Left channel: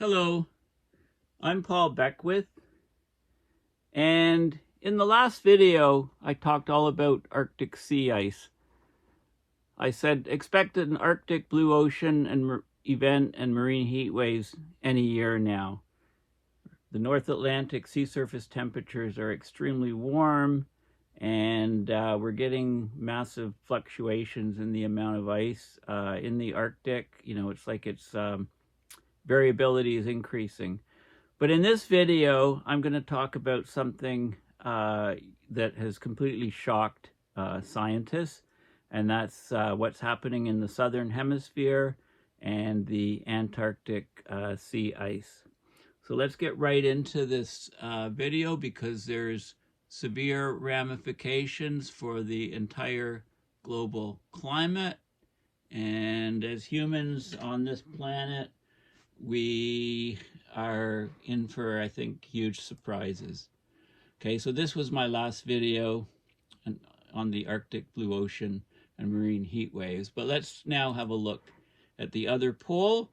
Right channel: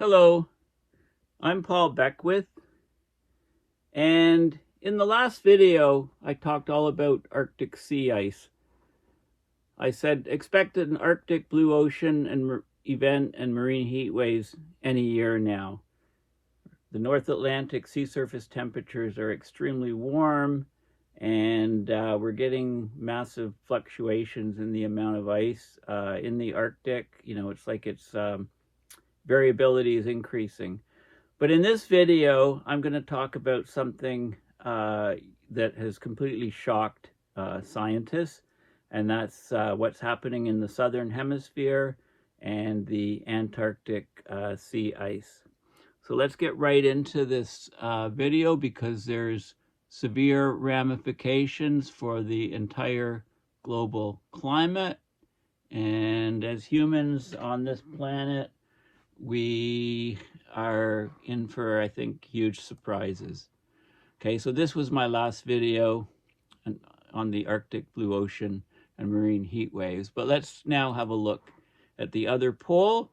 Hello, I'm Paul Beckwith, and in the last video I talked all about Arctic sea ice. I said expect an Arctic blue ocean and event and marine heat waves any year now. The North Atlantic sea surface temperatures are extremely warm, and we're getting massive fluctuations in the amount of ice in the Arctic. It's like variability is increasing. But in this video, I'm going to talk about something that has completely shocked scientists, and that's what's happening in the southern hemisphere and the Antarctic sea ice. So let's get right into this video because there's severe ramifications for the entire global climate. And as humans on this planet, we are in for, I think, huge surprises. Okay, so this was my last video on the Arctic blue ocean and marine heat waves. But let's now have a look at the other pole,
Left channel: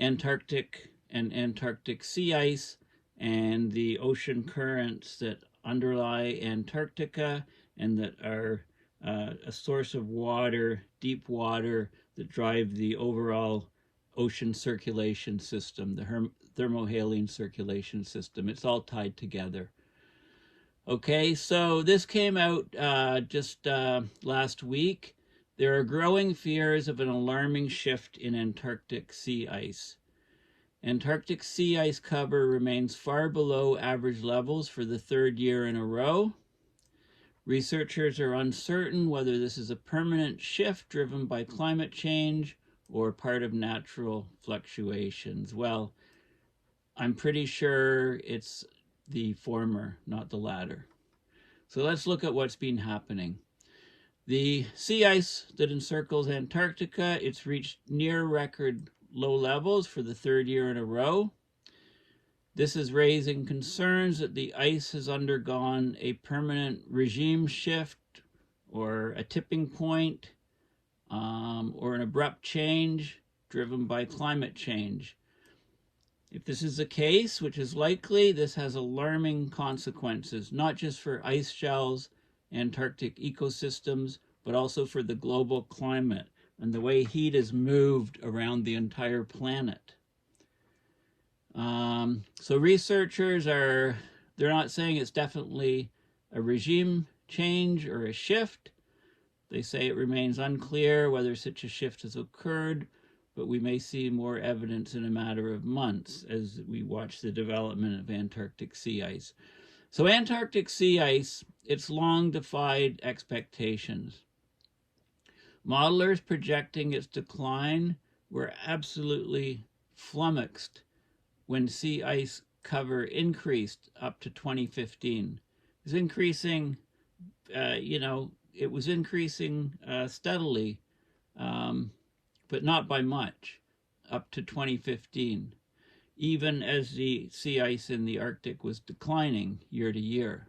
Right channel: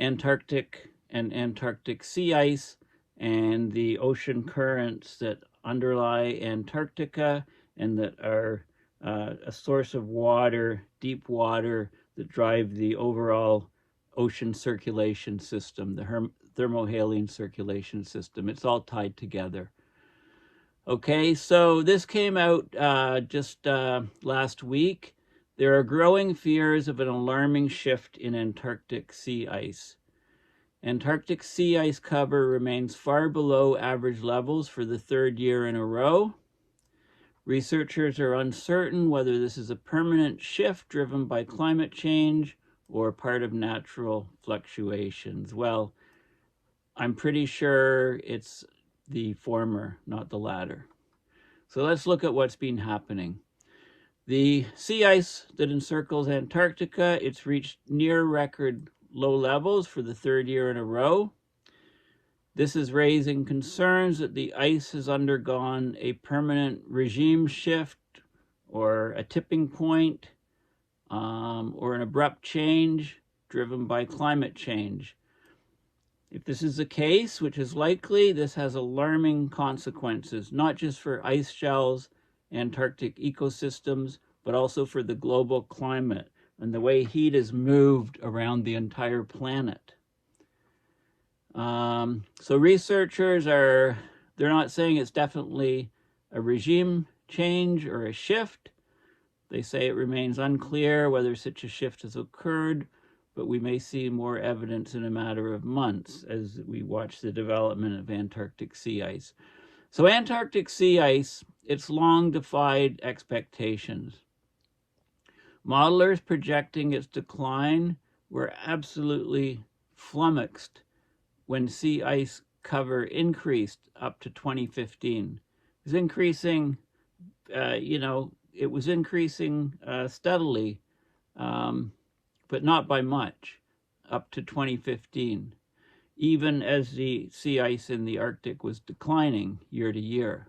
Antarctic and Antarctic sea ice, and the ocean currents that underlie Antarctica and that are a source of water, deep water, that drive the overall ocean circulation system, the thermohaline circulation system. It's all tied together. Okay, so this came out just last week. There are growing fears of an alarming shift in Antarctic sea ice. Antarctic sea ice cover remains far below average levels for the third year in a row. Researchers are uncertain whether this is a permanent shift driven by climate change or part of natural fluctuations. Well, I'm pretty sure it's the former, not the latter. So let's look at what's been happening. The sea ice that encircles Antarctica, it's reached near record low levels for the third year in a row. This is raising concerns that the ice has undergone a permanent regime shift or a tipping point, or an abrupt change driven by climate change. If this is the case, which is likely, this has alarming consequences, not just for ice shelves, Antarctic ecosystems, but also for the global climate and the way heat is moved around the entire planet. So researchers they're not saying it's definitely a regime change or a shift. They say it remains unclear whether such a shift has occurred, but we may see more evidence in a matter of months as we watch the development of Antarctic sea ice. So Antarctic sea ice, it's long defied expectations. Modelers projecting its decline were absolutely flummoxed when sea ice cover increased up to 2015. It was increasing, it was increasing steadily, but not by much, up to 2015, even as the sea ice in the Arctic was declining year to year.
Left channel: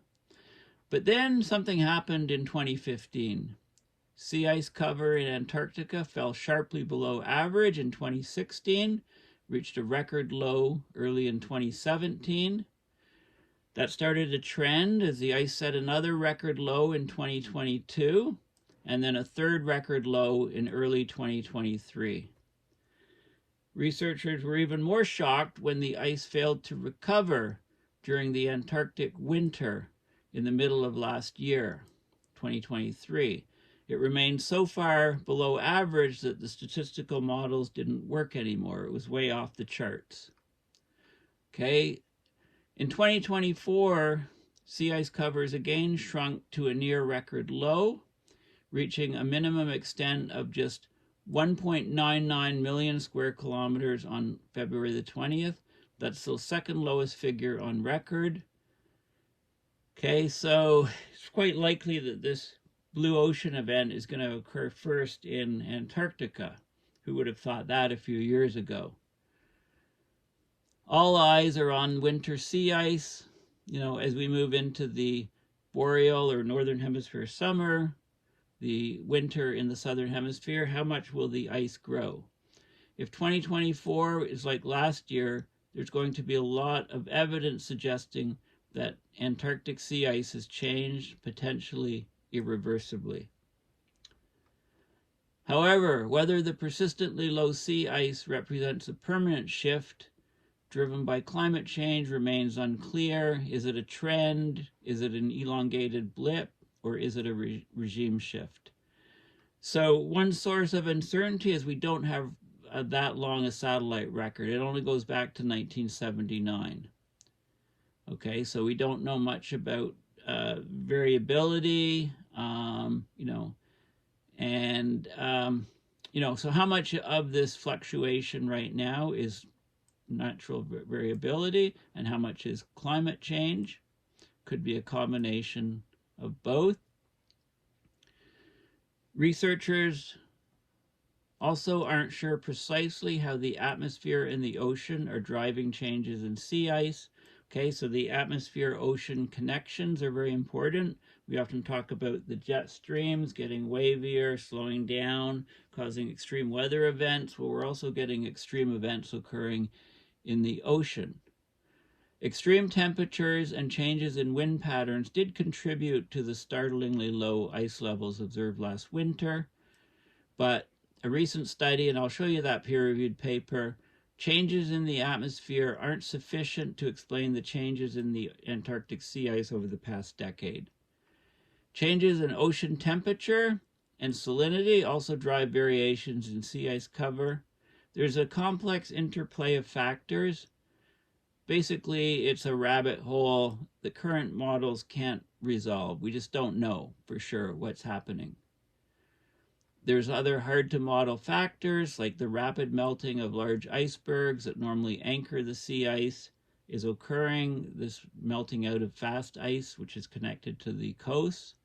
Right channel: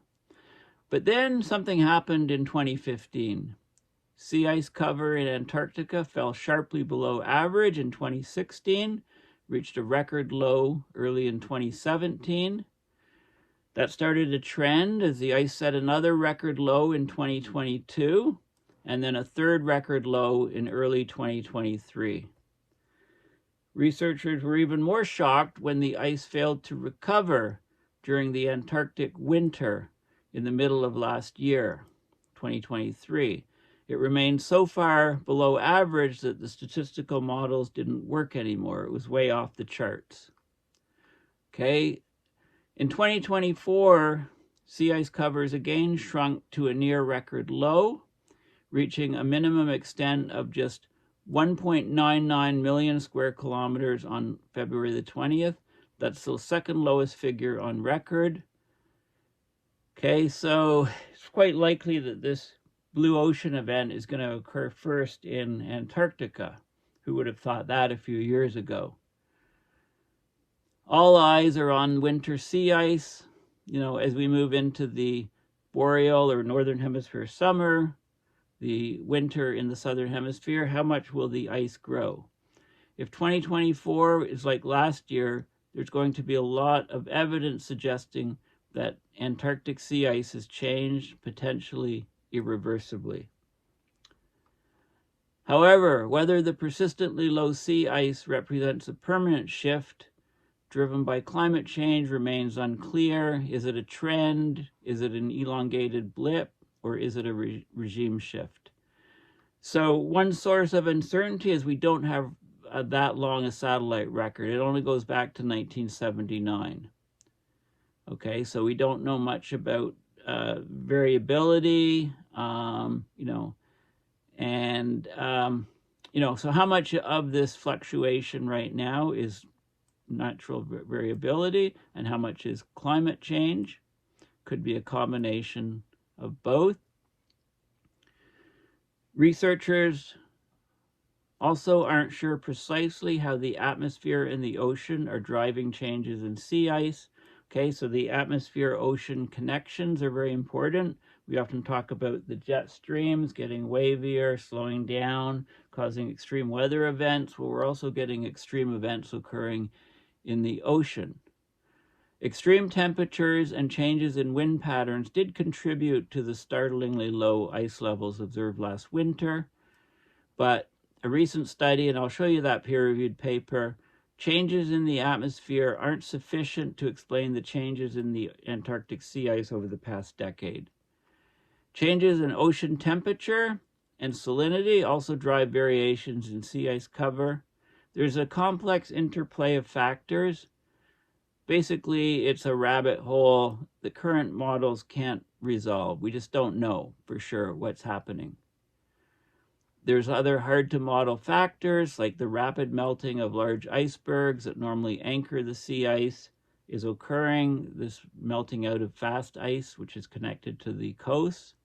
But then something happened in 2015. Sea ice cover in Antarctica fell sharply below average in 2016, reached a record low early in 2017. That started a trend as the ice set another record low in 2022, and then a third record low in early 2023. Researchers were even more shocked when the ice failed to recover during the Antarctic winter in the middle of last year, 2023. It remained so far below average that the statistical models didn't work anymore. It was way off the charts. Okay, in 2024, sea ice covers again shrunk to a near record low, reaching a minimum extent of just 1.99 million square kilometers on February the 20th. That's the second lowest figure on record. Okay, so it's quite likely that this blue ocean event is going to occur first in Antarctica. Who would have thought that a few years ago? All eyes are on winter sea ice. As we move into the boreal or northern hemisphere summer, the winter in the southern hemisphere, how much will the ice grow? If 2024 is like last year, there's going to be a lot of evidence suggesting that Antarctic sea ice has changed, potentially irreversibly. However, whether the persistently low sea ice represents a permanent shift driven by climate change remains unclear. Is it a trend? Is it an elongated blip? Or is it a regime shift? So one source of uncertainty is we don't have that long a satellite record. It only goes back to 1979. Okay, so we don't know much about variability, so how much of this fluctuation right now is natural variability and how much is climate change? Could be a combination of both. Researchers also aren't sure precisely how the atmosphere and the ocean are driving changes in sea ice. Okay, so the atmosphere-ocean connections are very important. We often talk about the jet streams getting wavier, slowing down, causing extreme weather events. Well, we're also getting extreme events occurring in the ocean. Extreme temperatures and changes in wind patterns did contribute to the startlingly low ice levels observed last winter, but a recent study, and I'll show you that peer-reviewed paper, changes in the atmosphere aren't sufficient to explain the changes in the Antarctic sea ice over the past decade. Changes in ocean temperature and salinity also drive variations in sea ice cover. There's a complex interplay of factors. Basically, it's a rabbit hole the current models can't resolve. We just don't know for sure what's happening. There's other hard-to-model factors, like the rapid melting of large icebergs that normally anchor the sea ice is occurring, this melting out of fast ice, which is connected to the coast.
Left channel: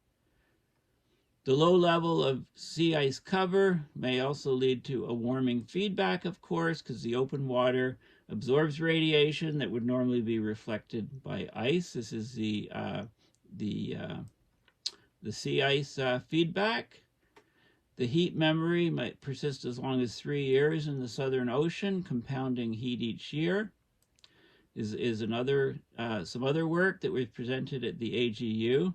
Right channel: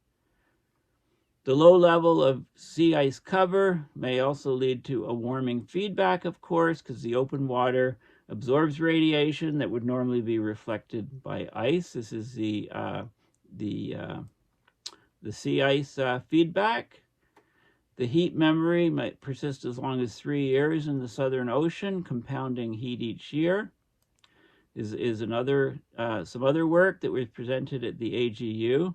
The low level of sea ice cover may also lead to a warming feedback, of course, because the open water absorbs radiation that would normally be reflected by ice. This is the sea ice feedback. The heat memory might persist as long as 3 years in the Southern Ocean, compounding heat each year. Is another some other work that we've presented at the AGU.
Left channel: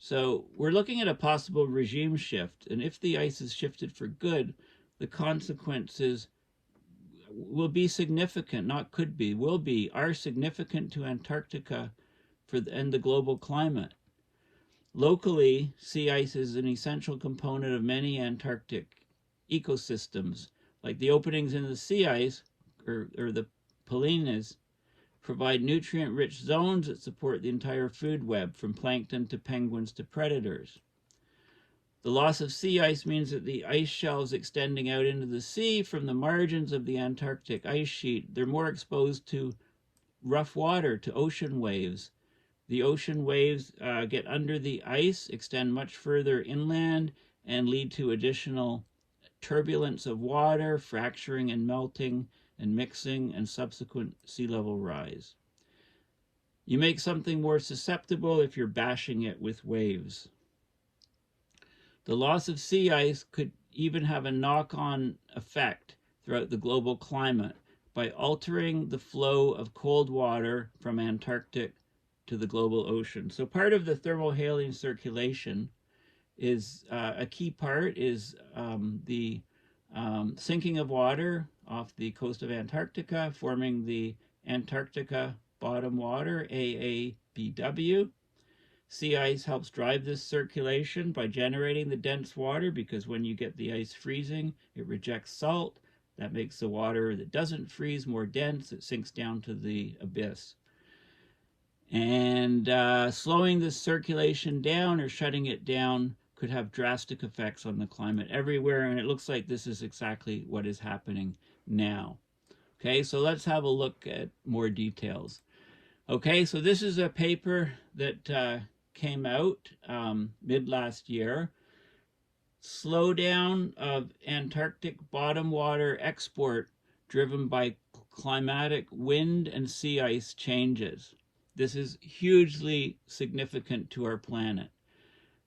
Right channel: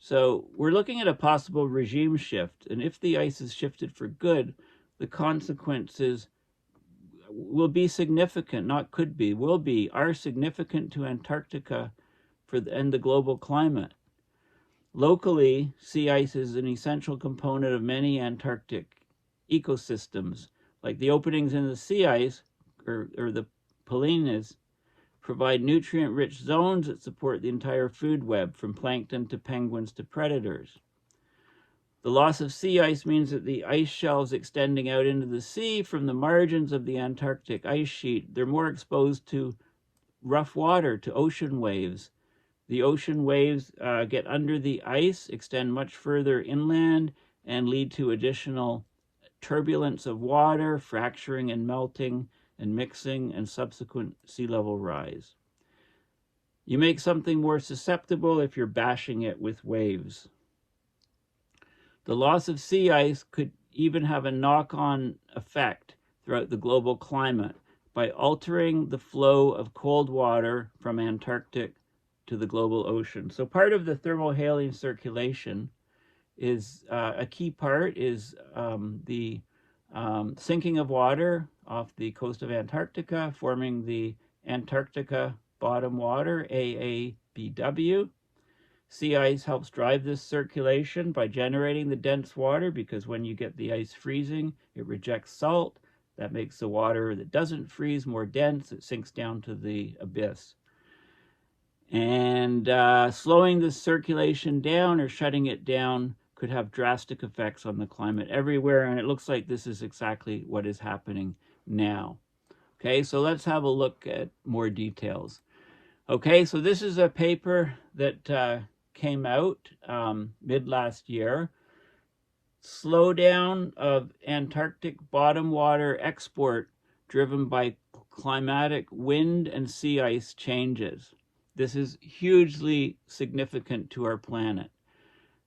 So we're looking at a possible regime shift, and if the ice is shifted for good, the consequences will be significant, not could be, will be, are significant to Antarctica and the global climate. Locally, sea ice is an essential component of many Antarctic ecosystems, like the openings in the sea ice, or the polynes, provide nutrient-rich zones that support the entire food web, from plankton to penguins to predators. The loss of sea ice means that the ice shelves extending out into the sea from the margins of the Antarctic ice sheet, they're more exposed to rough water, to ocean waves. The ocean waves get under the ice, extend much further inland, and lead to additional turbulence of water, fracturing and melting and mixing, and subsequent sea level rise. You make something more susceptible if you're bashing it with waves. The loss of sea ice could even have a knock-on effect throughout the global climate by altering the flow of cold water from Antarctic to the global ocean. So part of the thermohaline circulation is a key part is the sinking of water off the coast of Antarctica, forming the Antarctica Bottom Water, AABW. Sea ice helps drive this circulation by generating the dense water, because when you get the ice freezing, it rejects salt. That makes the water that doesn't freeze more dense. It sinks down to the abyss. And slowing the circulation down or shutting it down could have drastic effects on the climate everywhere, and it looks like this is exactly what is happening now. Okay, so let's have a look at more details. Okay, so this is a paper that came out mid last year. Slowdown of Antarctic bottom water export driven by climatic wind and sea ice changes. This is hugely significant to our planet.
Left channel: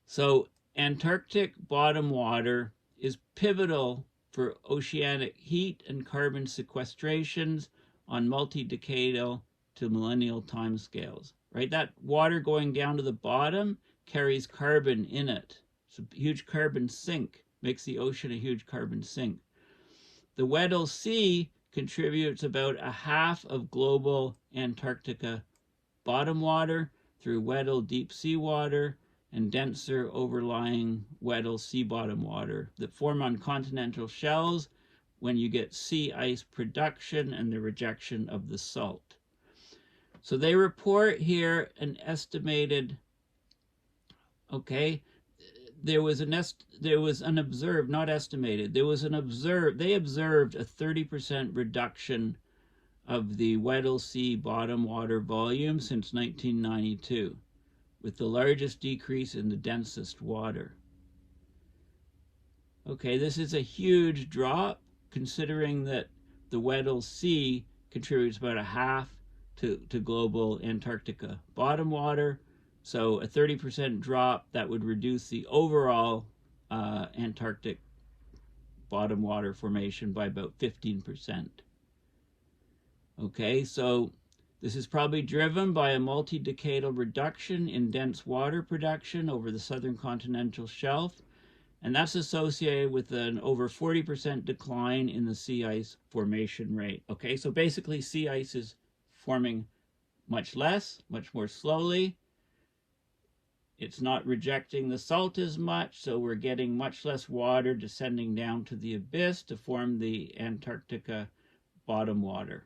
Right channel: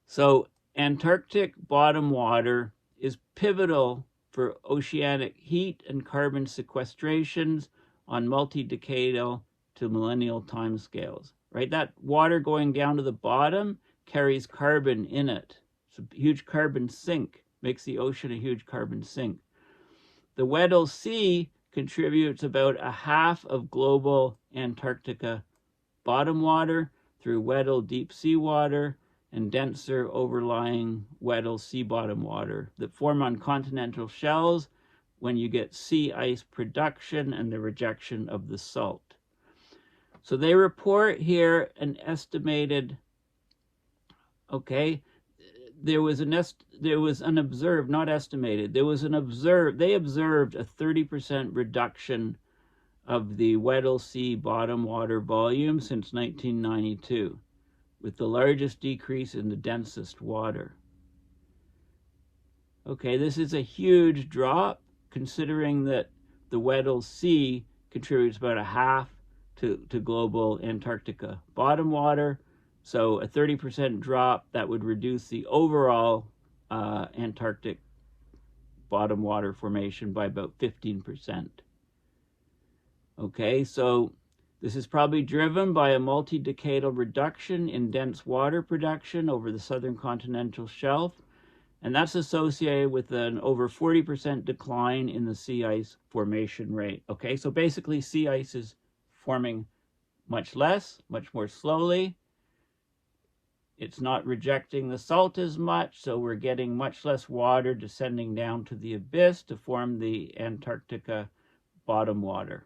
So Antarctic bottom water is pivotal for oceanic heat and carbon sequestrations on multi-decadal to millennial timescales. Right, that water going down to the bottom carries carbon in it. It's a huge carbon sink, makes the ocean a huge carbon sink. The Weddell Sea contributes about a half of global Antarctica bottom water through Weddell deep sea water and denser overlying Weddell sea bottom water that form on continental shelves when you get sea ice production and the rejection of the salt. So they report here an estimated, okay, they observed a 30% reduction of the Weddell Sea bottom water volume since 1992, with the largest decrease in the densest water. Okay, this is a huge drop, considering that the Weddell Sea contributes about a half to global Antarctica bottom water. So a 30% drop, that would reduce the overall Antarctic bottom water formation by about 15%. Okay, so this is probably driven by a multi-decadal reduction in dense water production over the southern continental shelf, and that's associated with an over 40% decline in the sea ice formation rate. Okay, so basically sea ice is forming much less, much more slowly. It's not rejecting the salt as much, so we're getting much less water descending down to the abyss to form the Antarctica bottom water.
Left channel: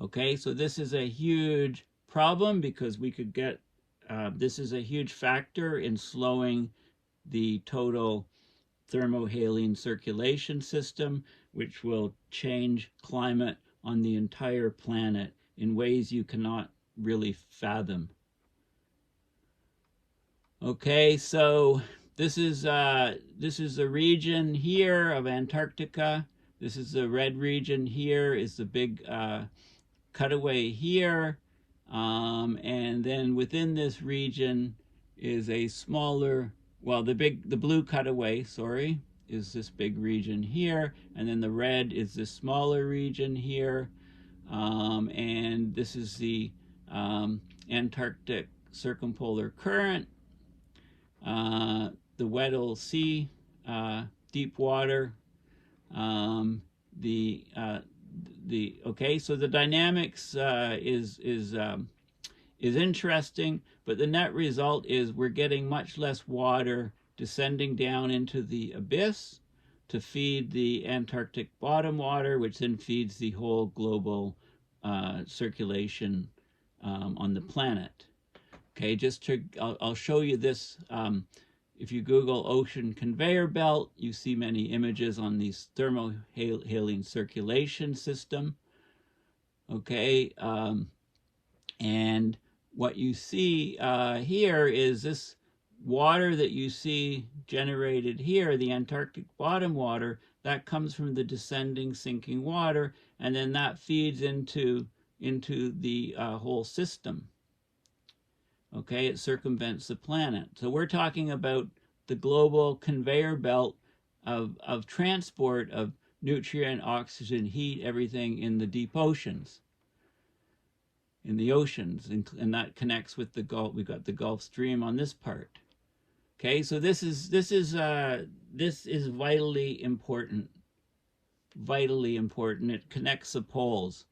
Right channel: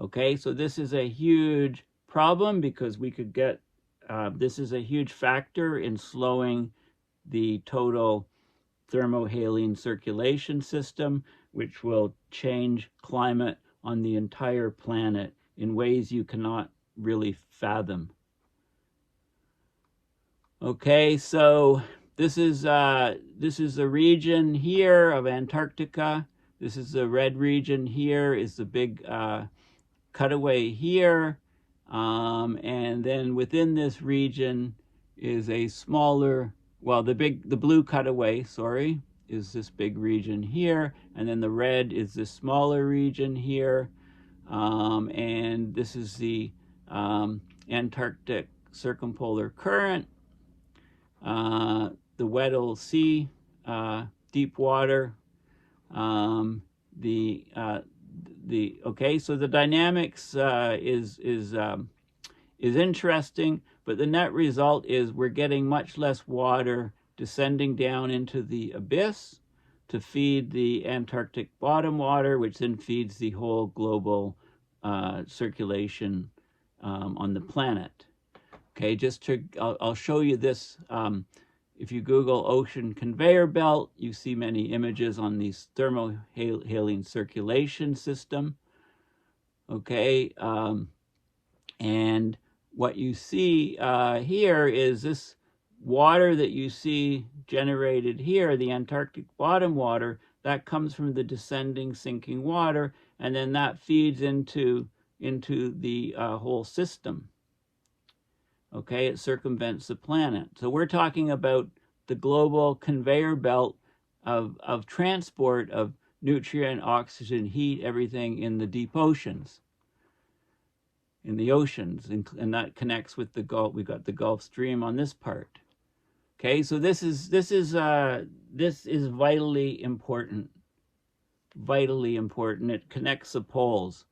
Okay, so this is a huge problem because we could get, this is a huge factor in slowing the total thermohaline circulation system, which will change climate on the entire planet in ways you cannot really fathom. Okay, so this is a region here of Antarctica. This is the red region here, is the big cutaway here, and then within this region is a smaller, well, the blue cutaway, sorry, is this big region here, and then the red is this smaller region here, and this is the Antarctic circumpolar current, the Weddell Sea, deep water, okay, so the dynamics is interesting, but the net result is we're getting much less water descending down into the abyss to feed the Antarctic bottom water, which then feeds the whole global circulation on the planet. Okay, I'll show you this. If you Google ocean conveyor belt, you see many images on these thermohaline circulation system. Okay, and what you see here is this water that you see generated here, the Antarctic bottom water, that comes from the descending sinking water, and then that feeds into the whole system. Okay, it circumvents the planet. So we're talking about the global conveyor belt of transport of nutrient, oxygen, heat, everything in the deep oceans, in the oceans, and that connects with the Gulf. We've got the Gulf Stream on this part. Okay, so this is vitally important. Vitally important. It connects the poles.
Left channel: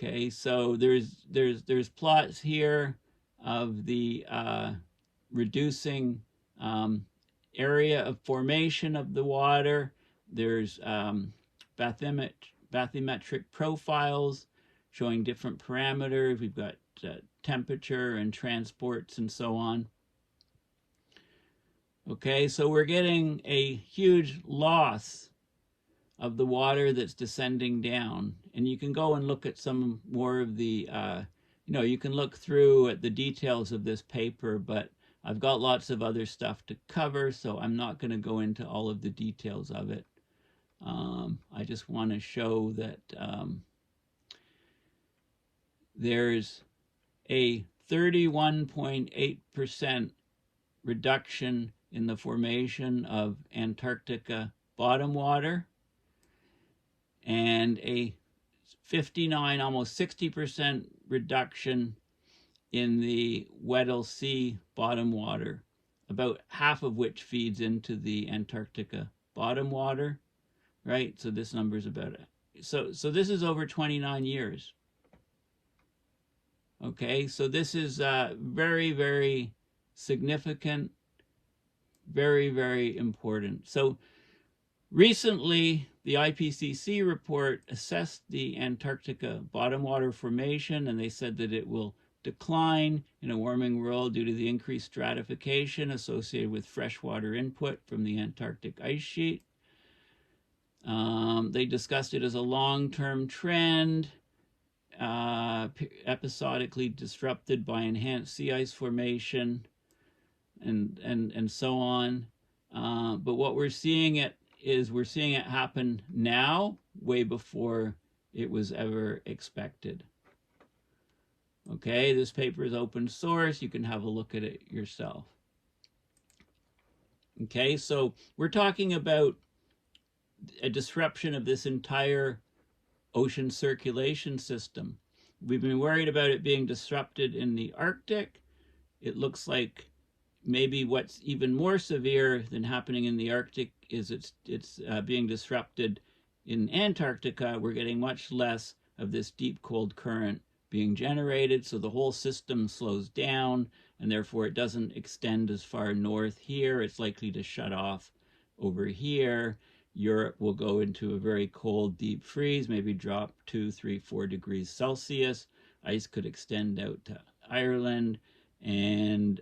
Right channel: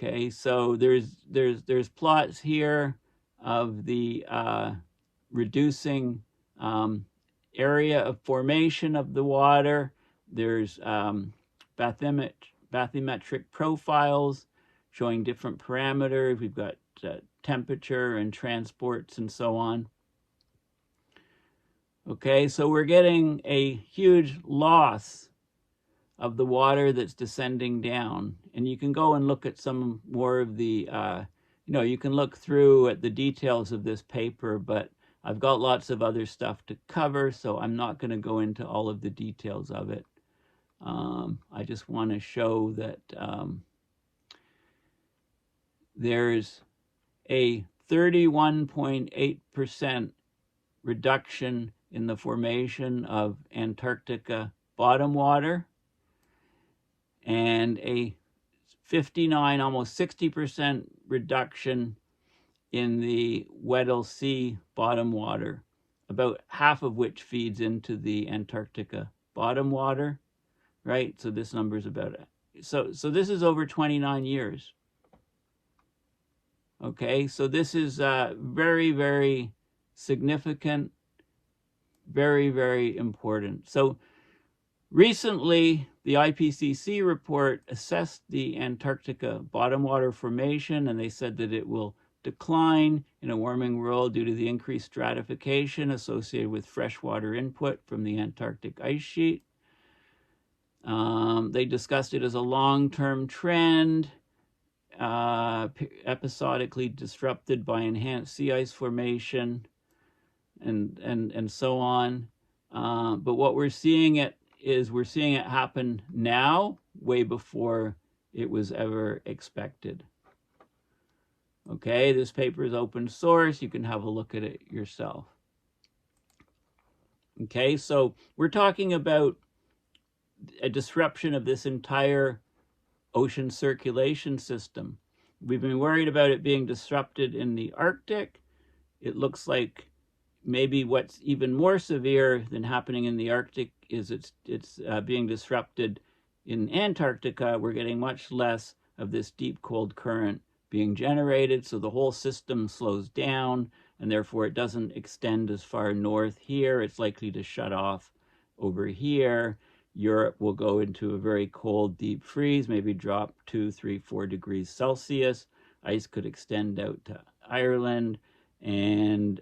Okay, so there's plots here of the reducing area of formation of the water. There's bathymetric profiles showing different parameters. We've got temperature and transports and so on. Okay, so we're getting a huge loss of the water that's descending down. And you can go and look at some more of the, you can look through at the details of this paper, but I've got lots of other stuff to cover, so I'm not going to go into all of the details of it. I just want to show that there's a 31.8% reduction in the formation of Antarctica bottom water, and a 59, almost 60% reduction in the Weddell Sea bottom water, about half of which feeds into the Antarctica bottom water, right? So this number is about it. So this is over 29 years. Okay, so this is very, very significant, very, very important. So recently, the IPCC report assessed the Antarctica bottom water formation, and they said that it will decline in a warming world due to the increased stratification associated with freshwater input from the Antarctic ice sheet. They discussed it as a long-term trend, episodically disrupted by enhanced sea ice formation, and so on. But what we're seeing it happen now, way before it was ever expected. Okay, this paper is open source. You can have a look at it yourself. Okay, so we're talking about a disruption of this entire ocean circulation system. We've been worried about it being disrupted in the Arctic. It looks like maybe what's even more severe than happening in the Arctic is it's being disrupted in Antarctica. We're getting much less of this deep cold current being generated, so the whole system slows down, and therefore it doesn't extend as far north here. It's likely to shut off over here. Europe will go into a very cold, deep freeze, maybe drop 2, 3, 4 degrees Celsius. Ice could extend out to Ireland, and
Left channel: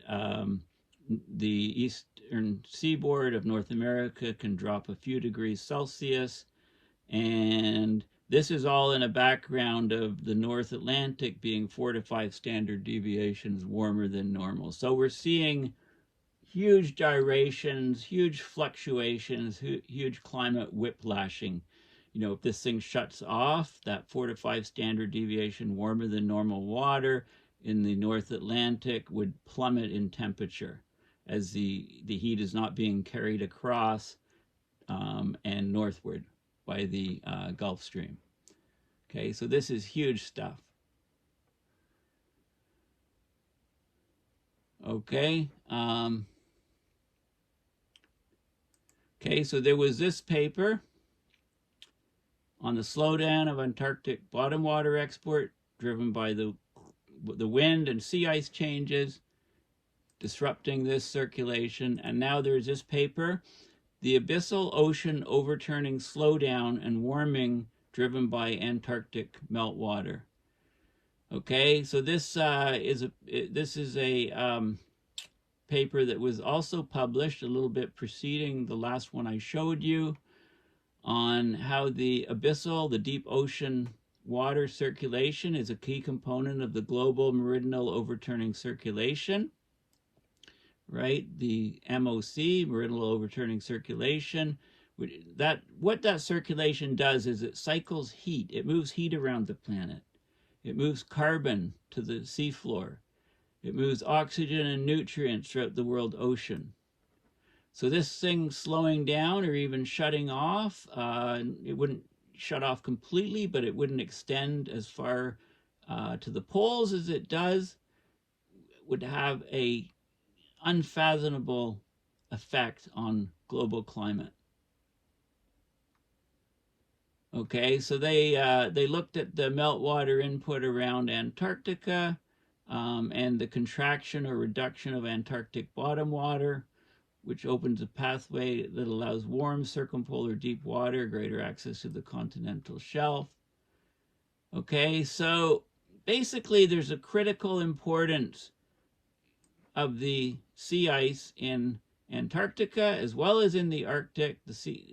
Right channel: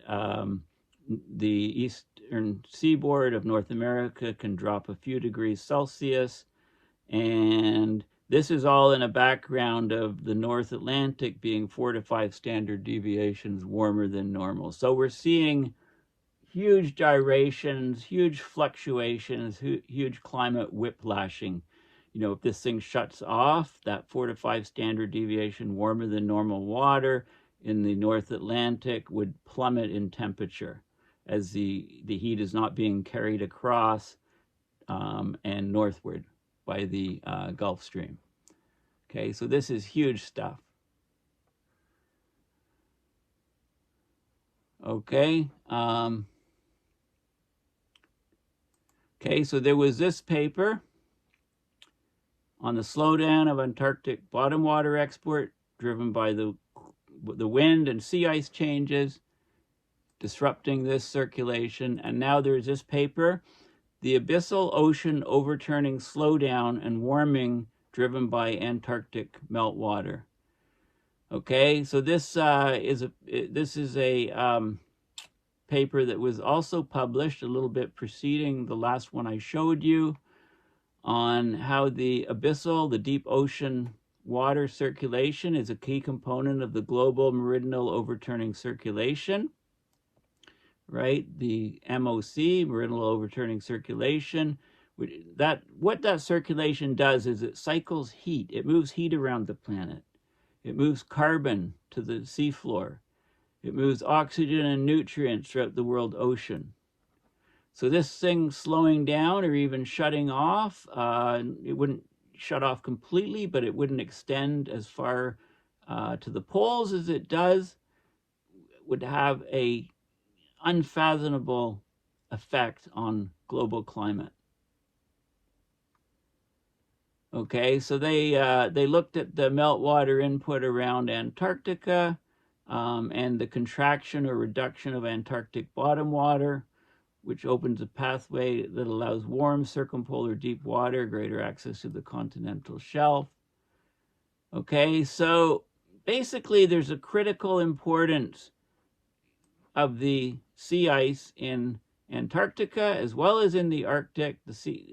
the eastern seaboard of North America can drop a few degrees Celsius. And this is all in a background of the North Atlantic being 4 to 5 standard deviations warmer than normal. So we're seeing huge gyrations, huge fluctuations, huge climate whiplashing. You know, if this thing shuts off, that 4 to 5 standard deviation warmer than normal water in the North Atlantic would plummet in temperature as the heat is not being carried across and northward by the Gulf Stream. Okay, so this is huge stuff. Okay. Okay, so there was this paper on the slowdown of Antarctic bottom water export driven by the wind and sea ice changes disrupting this circulation. And now there's this paper, the Abyssal Ocean Overturning Slowdown and Warming Driven by Antarctic Meltwater. Okay, so this is a paper that was also published a little bit preceding the last one I showed you on how the abyssal, the deep ocean water circulation, is a key component of the global meridional overturning circulation. Right, the MOC, meridional overturning circulation. What that circulation does is it cycles heat. It moves heat around the planet. It moves carbon to the seafloor. It moves oxygen and nutrients throughout the world ocean. So this thing slowing down or even shutting off, it wouldn't shut off completely, but it wouldn't extend as far to the poles as it does, would have a unfathomable effect on global climate. Okay, so they looked at the meltwater input around Antarctica and the contraction or reduction of Antarctic bottom water, which opens a pathway that allows warm circumpolar deep water, greater access to the continental shelf. Okay, so basically there's a critical importance of the sea ice in Antarctica as well as in the Arctic.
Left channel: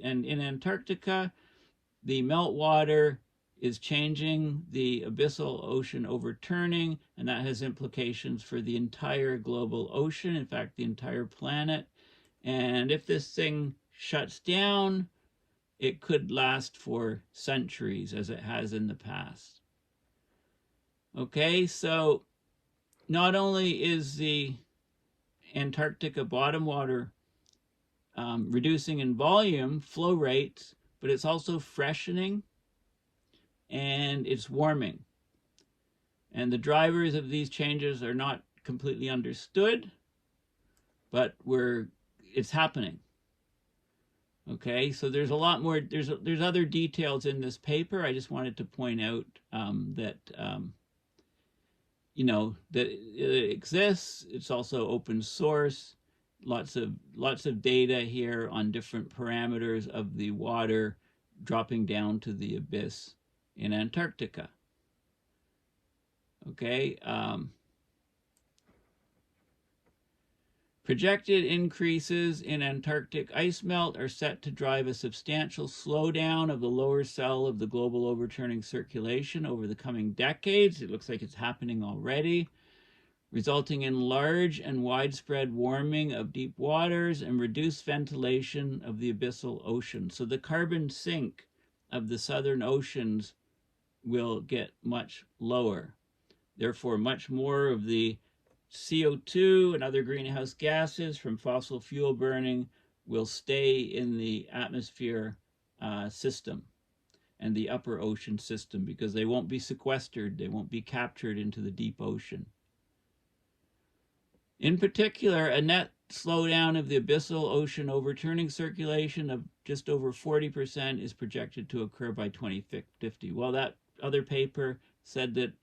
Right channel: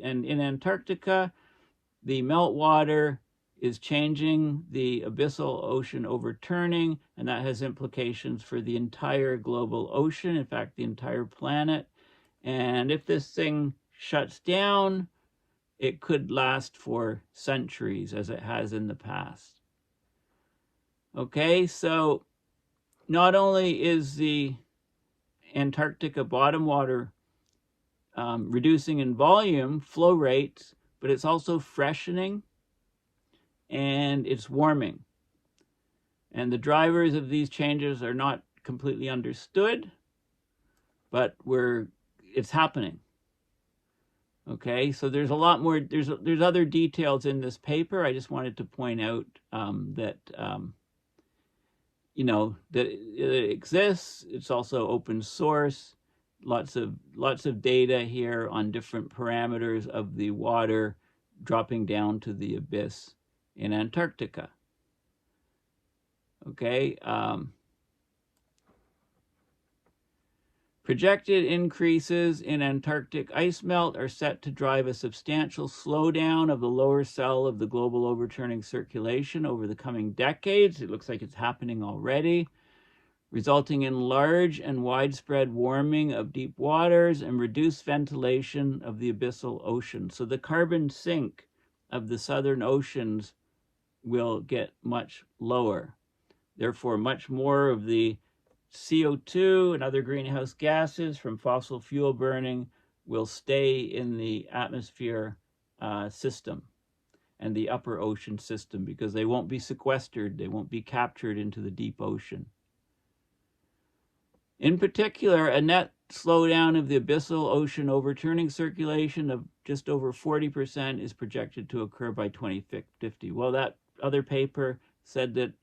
And in Antarctica, the meltwater is changing the abyssal ocean overturning, and that has implications for the entire global ocean, in fact, the entire planet. And if this thing shuts down, it could last for centuries, as it has in the past. Okay, so not only is the Antarctica bottom water reducing in volume, flow rates, but it's also freshening and it's warming. And the drivers of these changes are not completely understood, but it's happening. Okay, so there's a lot more, there's other details in this paper. I just wanted to point out that that it exists. It's also open source. Lots of data here on different parameters of the water dropping down to the abyss in Antarctica. Okay. Projected increases in Antarctic ice melt are set to drive a substantial slowdown of the lower cell of the global overturning circulation over the coming decades. It looks like it's happening already, resulting in large and widespread warming of deep waters and reduced ventilation of the abyssal ocean. So the carbon sink of the southern oceans will get much lower. Therefore, much more of the CO2 and other greenhouse gases from fossil fuel burning will stay in the atmosphere system and the upper ocean system because they won't be sequestered, they won't be captured into the deep ocean. In particular, a net slowdown of the abyssal ocean overturning circulation of just over 40% is projected to occur by 2050. Well, that other paper said that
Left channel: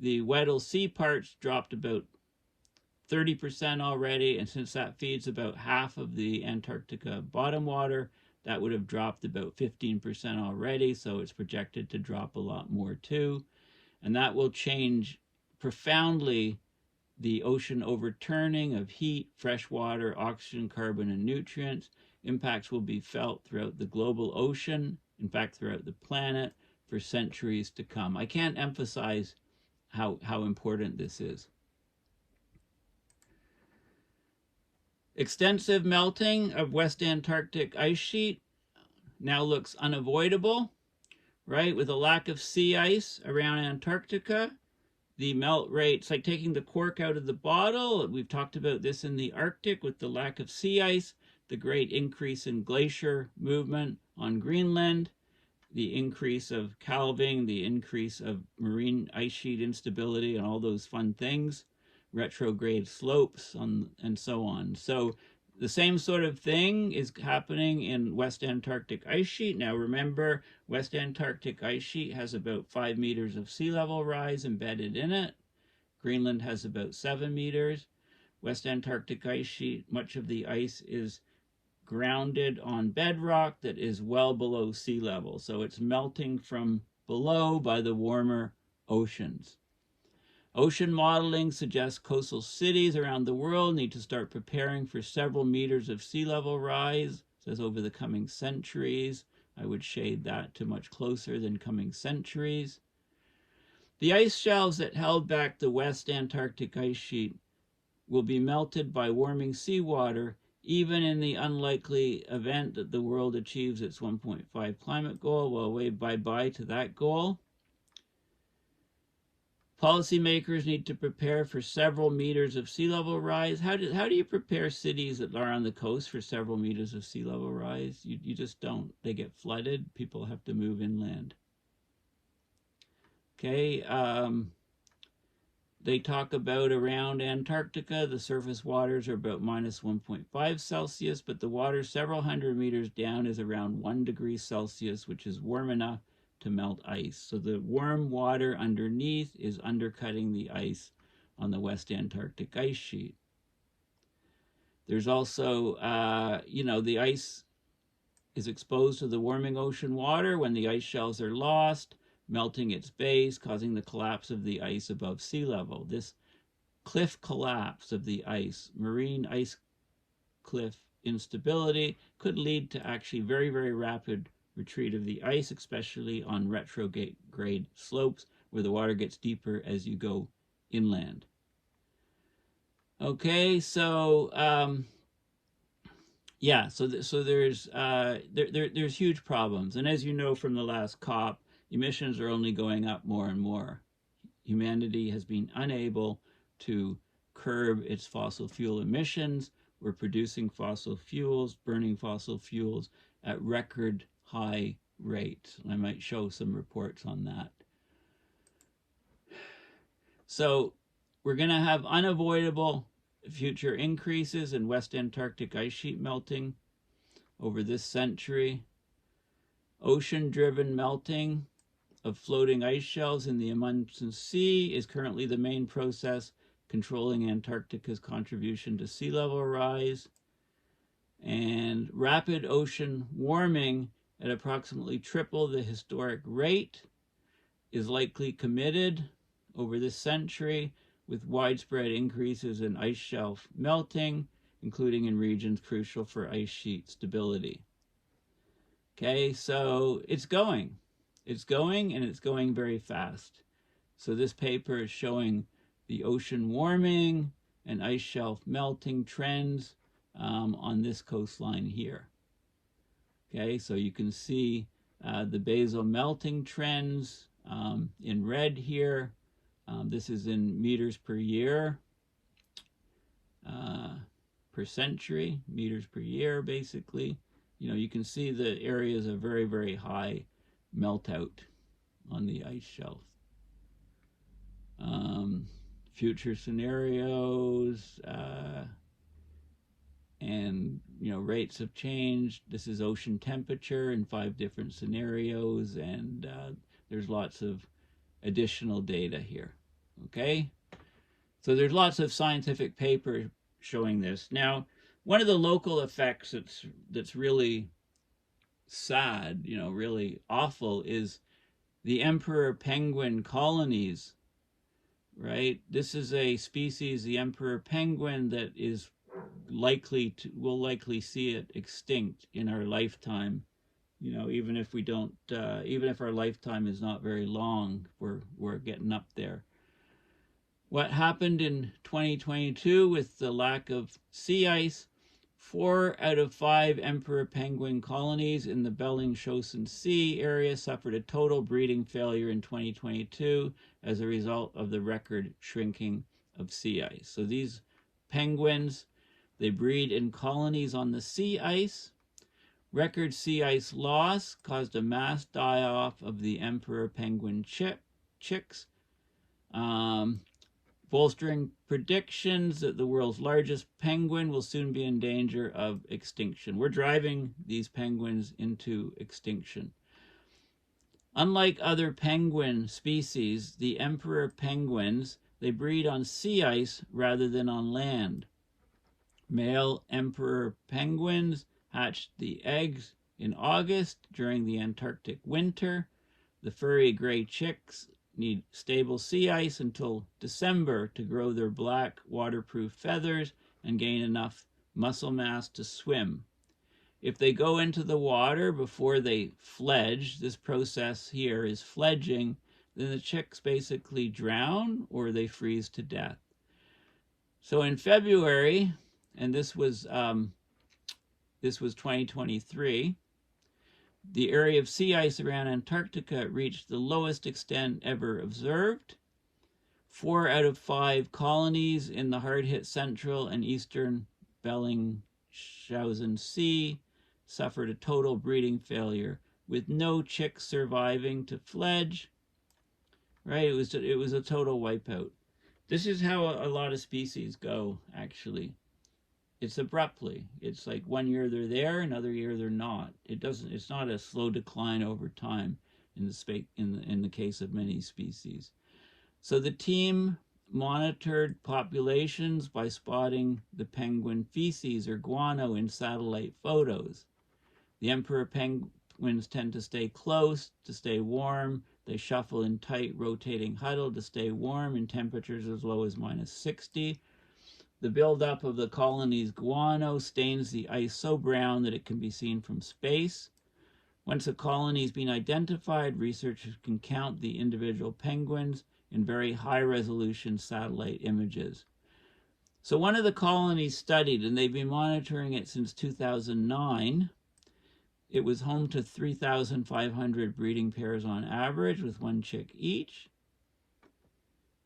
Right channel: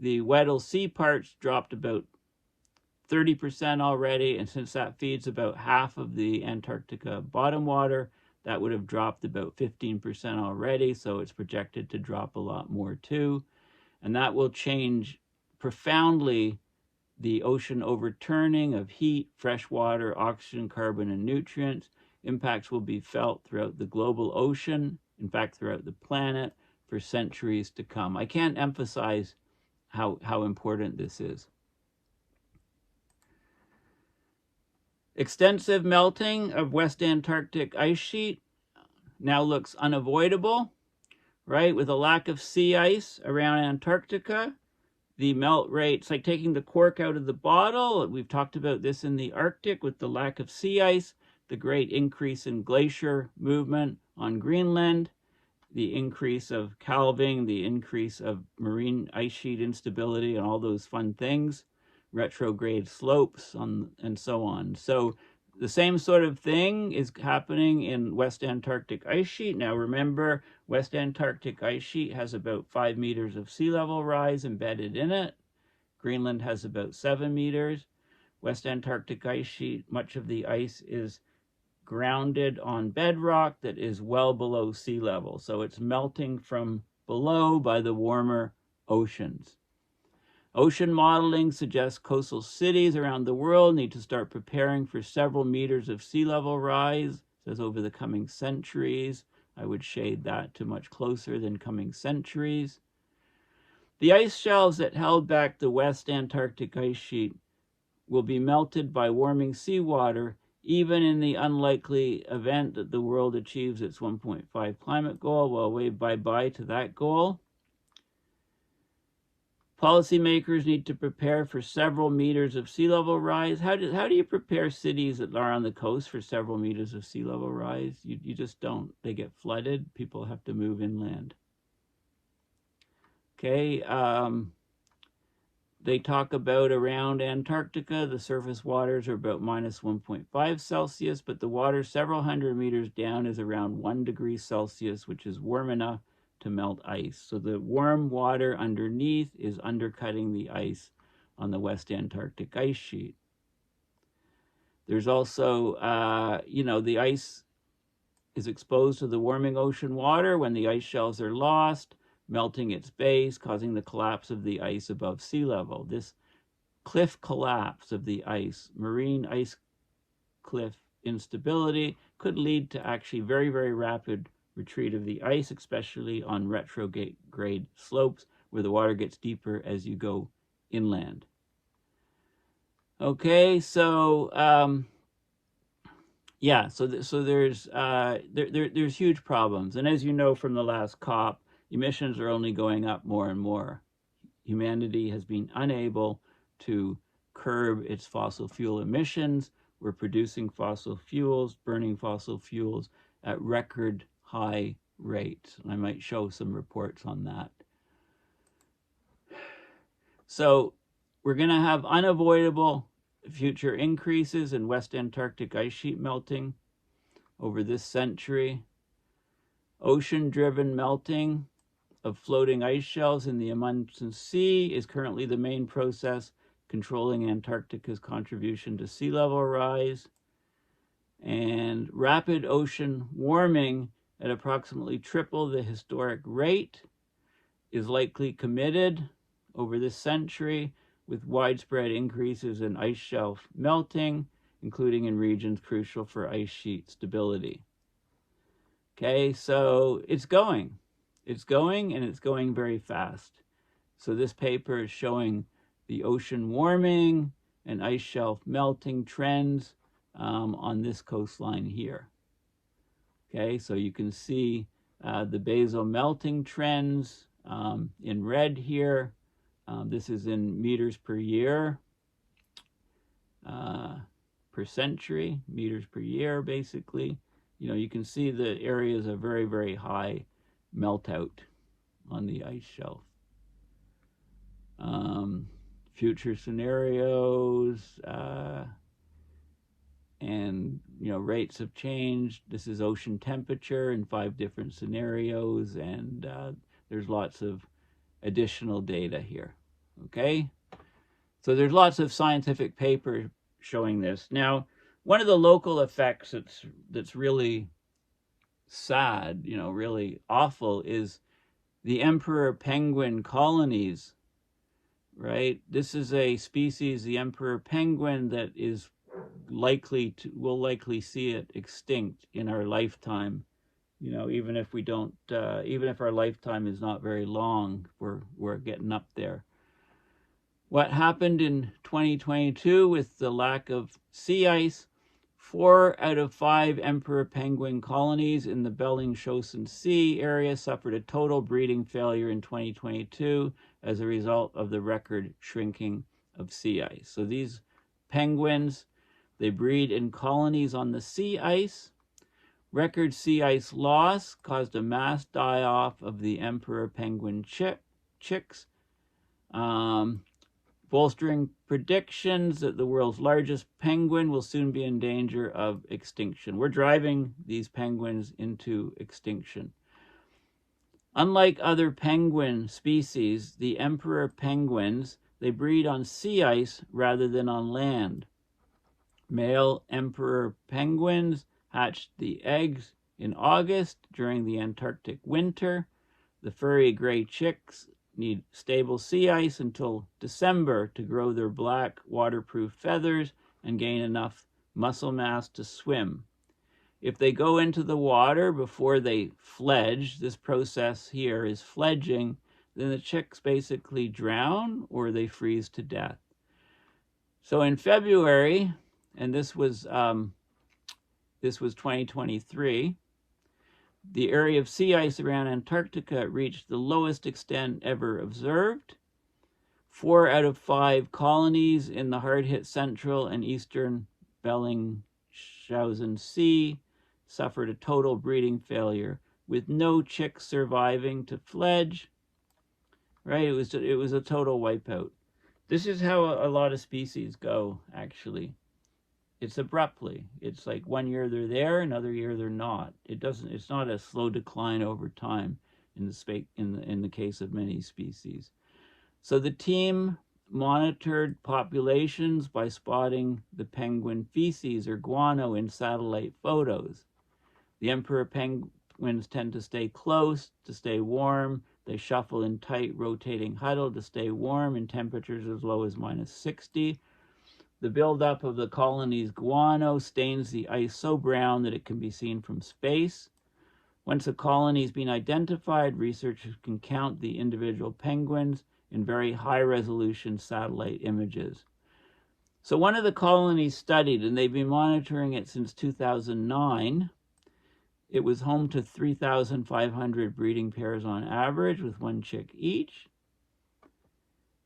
the Weddell Sea parts dropped about 30% already, and since that feeds about half of the Antarctica bottom water, that would have dropped about 15% already, so it's projected to drop a lot more too. And that will change profoundly the ocean overturning of heat, fresh water, oxygen, carbon, and nutrients. Impacts will be felt throughout the global ocean, in fact, throughout the planet, for centuries to come. I can't emphasize how important this is. Extensive melting of West Antarctic ice sheet now looks unavoidable, right? With a lack of sea ice around Antarctica, the melt rate's like taking the cork out of the bottle. We've talked about this in the Arctic with the lack of sea ice, the great increase in glacier movement on Greenland, the increase of calving, the increase of marine ice sheet instability, and all those fun things, retrograde slopes, and so on. So the same sort of thing is happening in West Antarctic ice sheet. Now remember, West Antarctic ice sheet has about 5 meters of sea level rise embedded in it. Greenland has about 7 meters. West Antarctic ice sheet, much of the ice is grounded on bedrock that is well below sea level. So it's melting from below by the warmer oceans. Ocean modeling suggests coastal cities around the world need to start preparing for several meters of sea level rise. It says over the coming centuries. I would shade that to much closer than coming centuries. The ice shelves that held back the West Antarctic ice sheet will be melted by warming seawater, even in the unlikely event that the world achieves its 1.5 climate goal. Well, wave bye-bye to that goal. Policymakers need to prepare for several meters of sea level rise. How do you prepare cities that are on the coast for several meters of sea level rise? You just don't. They get flooded. People have to move inland. Okay, they talk about around Antarctica, the surface waters are about minus 1.5 Celsius, but the water several hundred meters down is around 1 degree Celsius, which is warm enough to melt ice. So the warm water underneath is undercutting the ice on the West Antarctic ice sheet. There's also, the ice is exposed to the warming ocean water when the ice shelves are lost, melting its base, causing the collapse of the ice above sea level. This cliff collapse of the ice, marine ice cliff instability, could lead to actually very, very rapid retreat of the ice, especially on retrograde slopes where the water gets deeper as you go inland. Okay, so there's huge problems, and as you know from the last COP, emissions are only going up more and more. Humanity has been unable to curb its fossil fuel emissions. We're producing fossil fuels, burning fossil fuels at record high rates. I might show some reports on that. So we're going to have unavoidable future increases in West Antarctic ice sheet melting over this century. Ocean-driven melting of floating ice shelves in the Amundsen Sea is currently the main process controlling Antarctica's contribution to sea level rise. And rapid ocean warming at approximately triple the historic rate is likely committed over this century, with widespread increases in ice shelf melting, including in regions crucial for ice sheet stability. Okay, so it's going, and it's going very fast. So this paper is showing the ocean warming and ice shelf melting trends on this coastline here. Okay, so you can see the basal melting trends in red here. This is in meters per year, per century, meters per year, basically. You know, you can see the areas of very, very high melt out on the ice shelf. Future scenarios, and, you know, rates have changed. This is ocean temperature in 5 different scenarios, and there's lots of additional data here. Okay, so there's lots of scientific papers showing this. Now, one of the local effects that's really sad, you know, really awful, is the emperor penguin colonies, right? This is a species, the emperor penguin, that is we'll likely see it extinct in our lifetime. You know, even if we don't, even if our lifetime is not very long, we're getting up there. What happened in 2022 with the lack of sea ice? 4 out of 5 emperor penguin colonies in the Bellingshausen Sea area suffered a total breeding failure in 2022 as a result of the record shrinking of sea ice. So these penguins, they breed in colonies on the sea ice. Record sea ice loss caused a mass die-off of the emperor penguin chicks, bolstering predictions that the world's largest penguin will soon be in danger of extinction. We're driving these penguins into extinction. Unlike other penguin species, the emperor penguins, they breed on sea ice rather than on land. Male emperor penguins hatched the eggs in August during the Antarctic winter. The furry gray chicks need stable sea ice until December to grow their black waterproof feathers and gain enough muscle mass to swim. If they go into the water before they fledge, this process here is fledging, then the chicks basically drown or they freeze to death. So in February, and this was 2023, the area of sea ice around Antarctica reached the lowest extent ever observed. 4 out of 5 colonies in the hard-hit central and eastern Bellingshausen Sea suffered a total breeding failure, with no chicks surviving to fledge. Right? It was a total wipeout. This is how a lot of species go, actually. It's abruptly. It's like one year they're there, another year they're not. It's not a slow decline over time in the case of many species. So the team monitored populations by spotting the penguin feces or guano in satellite photos. The emperor penguins tend to stay close to stay warm. They shuffle in tight rotating huddle to stay warm in temperatures as low as -60. The buildup of the colony's guano stains the ice so brown that it can be seen from space. Once a colony has been identified, researchers can count the individual penguins in very high-resolution satellite images. So one of the colonies studied, and they've been monitoring it since 2009, it was home to 3,500 breeding pairs on average, with 1 chick each.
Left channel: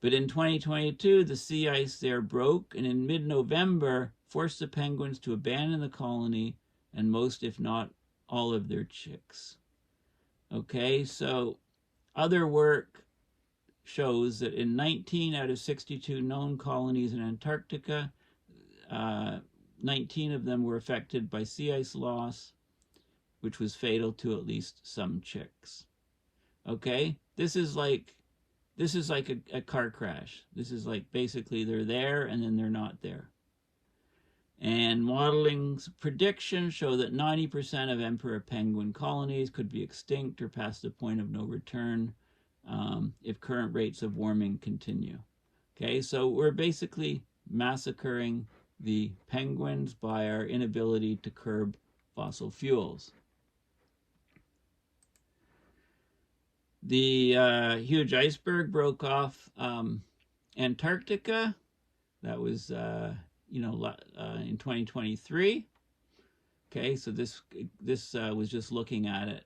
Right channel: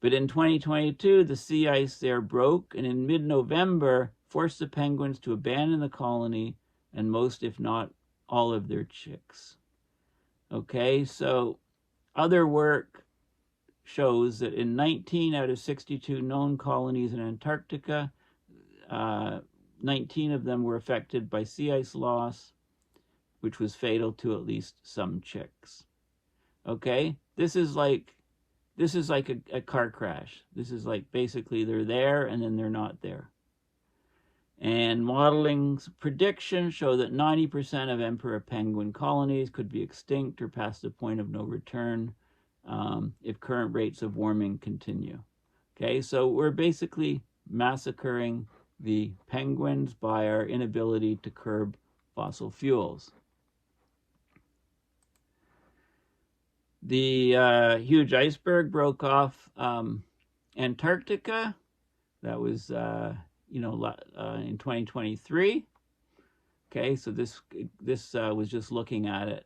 But in 2022, the sea ice there broke, and in mid-November, forced the penguins to abandon the colony and most, if not all, of their chicks. Okay, so other work shows that in 19 out of 62 known colonies in Antarctica, 19 of them were affected by sea ice loss, which was fatal to at least some chicks. Okay, this is like a car crash. This is like basically they're there and then they're not there. And modeling's predictions show that 90% of emperor penguin colonies could be extinct or past the point of no return if current rates of warming continue. Okay, so we're basically massacring the penguins by our inability to curb fossil fuels. The huge iceberg broke off Antarctica. That was, in 2023. Okay, so this was just looking at it.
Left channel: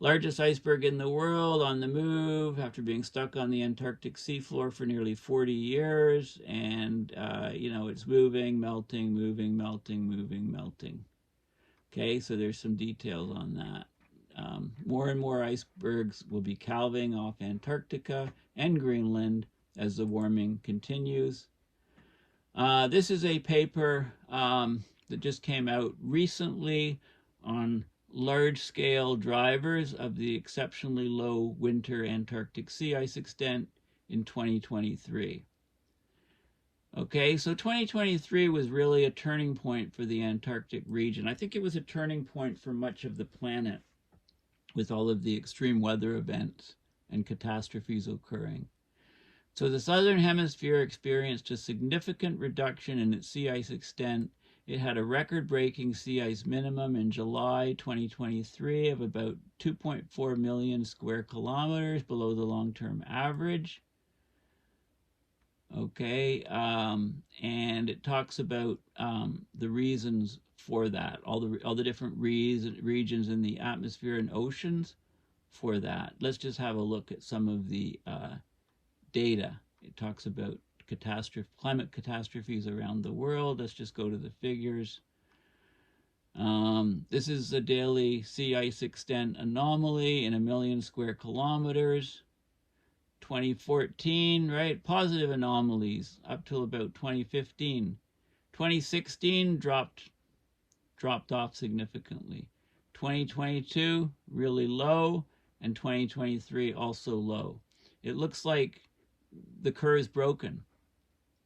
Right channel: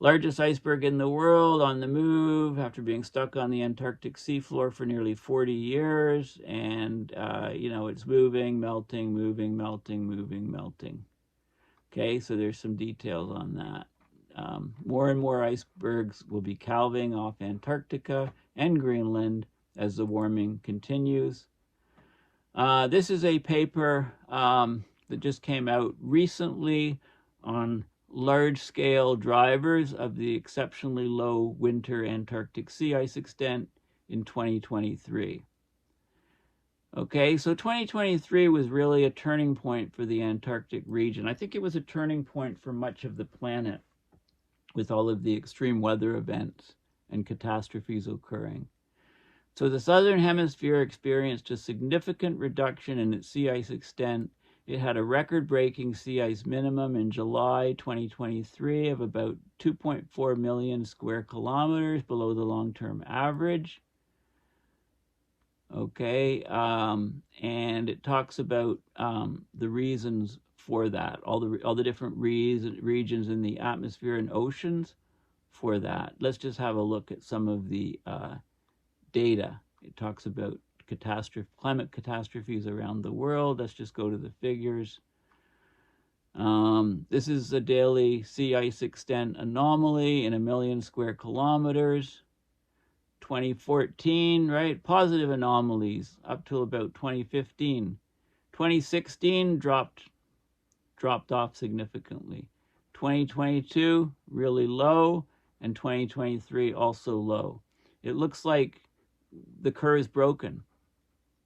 Largest iceberg in the world on the move after being stuck on the Antarctic seafloor for nearly 40 years. And, it's moving, melting, moving, melting, moving, melting. Okay, so there's some details on that. More and more icebergs will be calving off Antarctica and Greenland as the warming continues. This is a paper that just came out recently on large-scale drivers of the exceptionally low winter Antarctic sea ice extent in 2023. Okay, so 2023 was really a turning point for the Antarctic region. I think it was a turning point for much of the planet with all of the extreme weather events and catastrophes occurring. So the southern hemisphere experienced a significant reduction in its sea ice extent. It had a record-breaking sea ice minimum in July 2023 of about 2.4 million square kilometers below the long-term average. Okay, and it talks about the reasons for that, all the different regions in the atmosphere and oceans for that. Let's just have a look at some of the data. It talks about climate catastrophes around the world. Let's just go to the figures. This is a daily sea ice extent anomaly in 1 million square kilometers. 2014, right? Positive anomalies up till about 2015. 2016 dropped off significantly. 2022 really low, and 2023 also low. It looks like the curve is broken.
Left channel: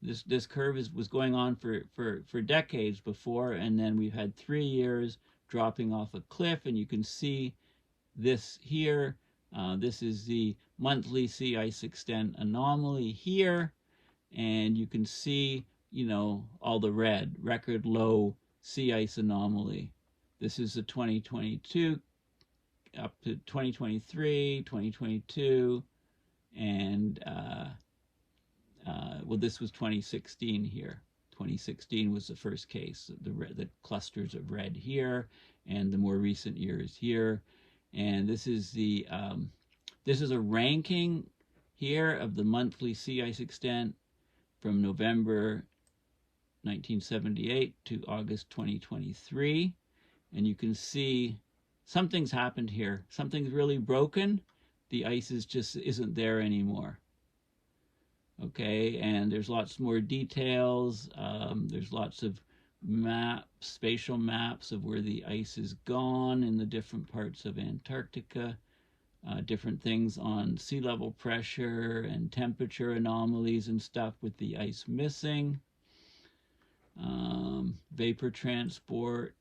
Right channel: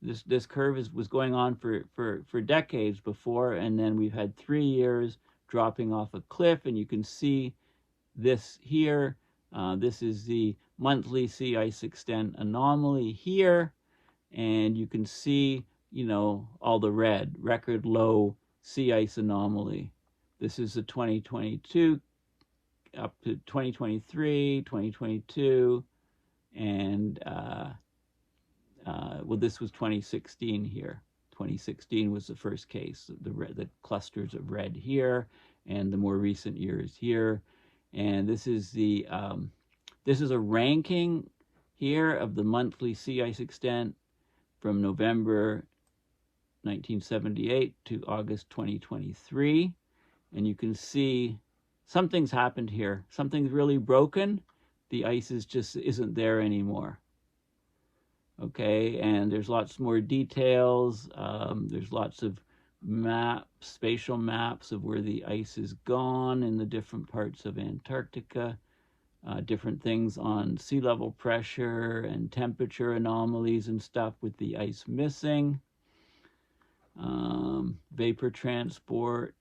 This curve was going on for decades before, and then we've had 3 years dropping off a cliff, and you can see this here. This is the monthly sea ice extent anomaly here, and you can see, all the red, record low sea ice anomaly. This is the 2022 up to 2023, 2022, and well, this was 2016 here. 2016 was the first case. The clusters of red here, and the more recent years here. And this is a ranking here of the monthly sea ice extent from November 1978 to August 2023. And you can see something's happened here. Something's really broken. The ice just isn't there anymore. Okay, and there's lots more details. There's lots of maps, spatial maps of where the ice is gone in the different parts of Antarctica. Different things on sea level pressure and temperature anomalies and stuff with the ice missing. Vapor transport,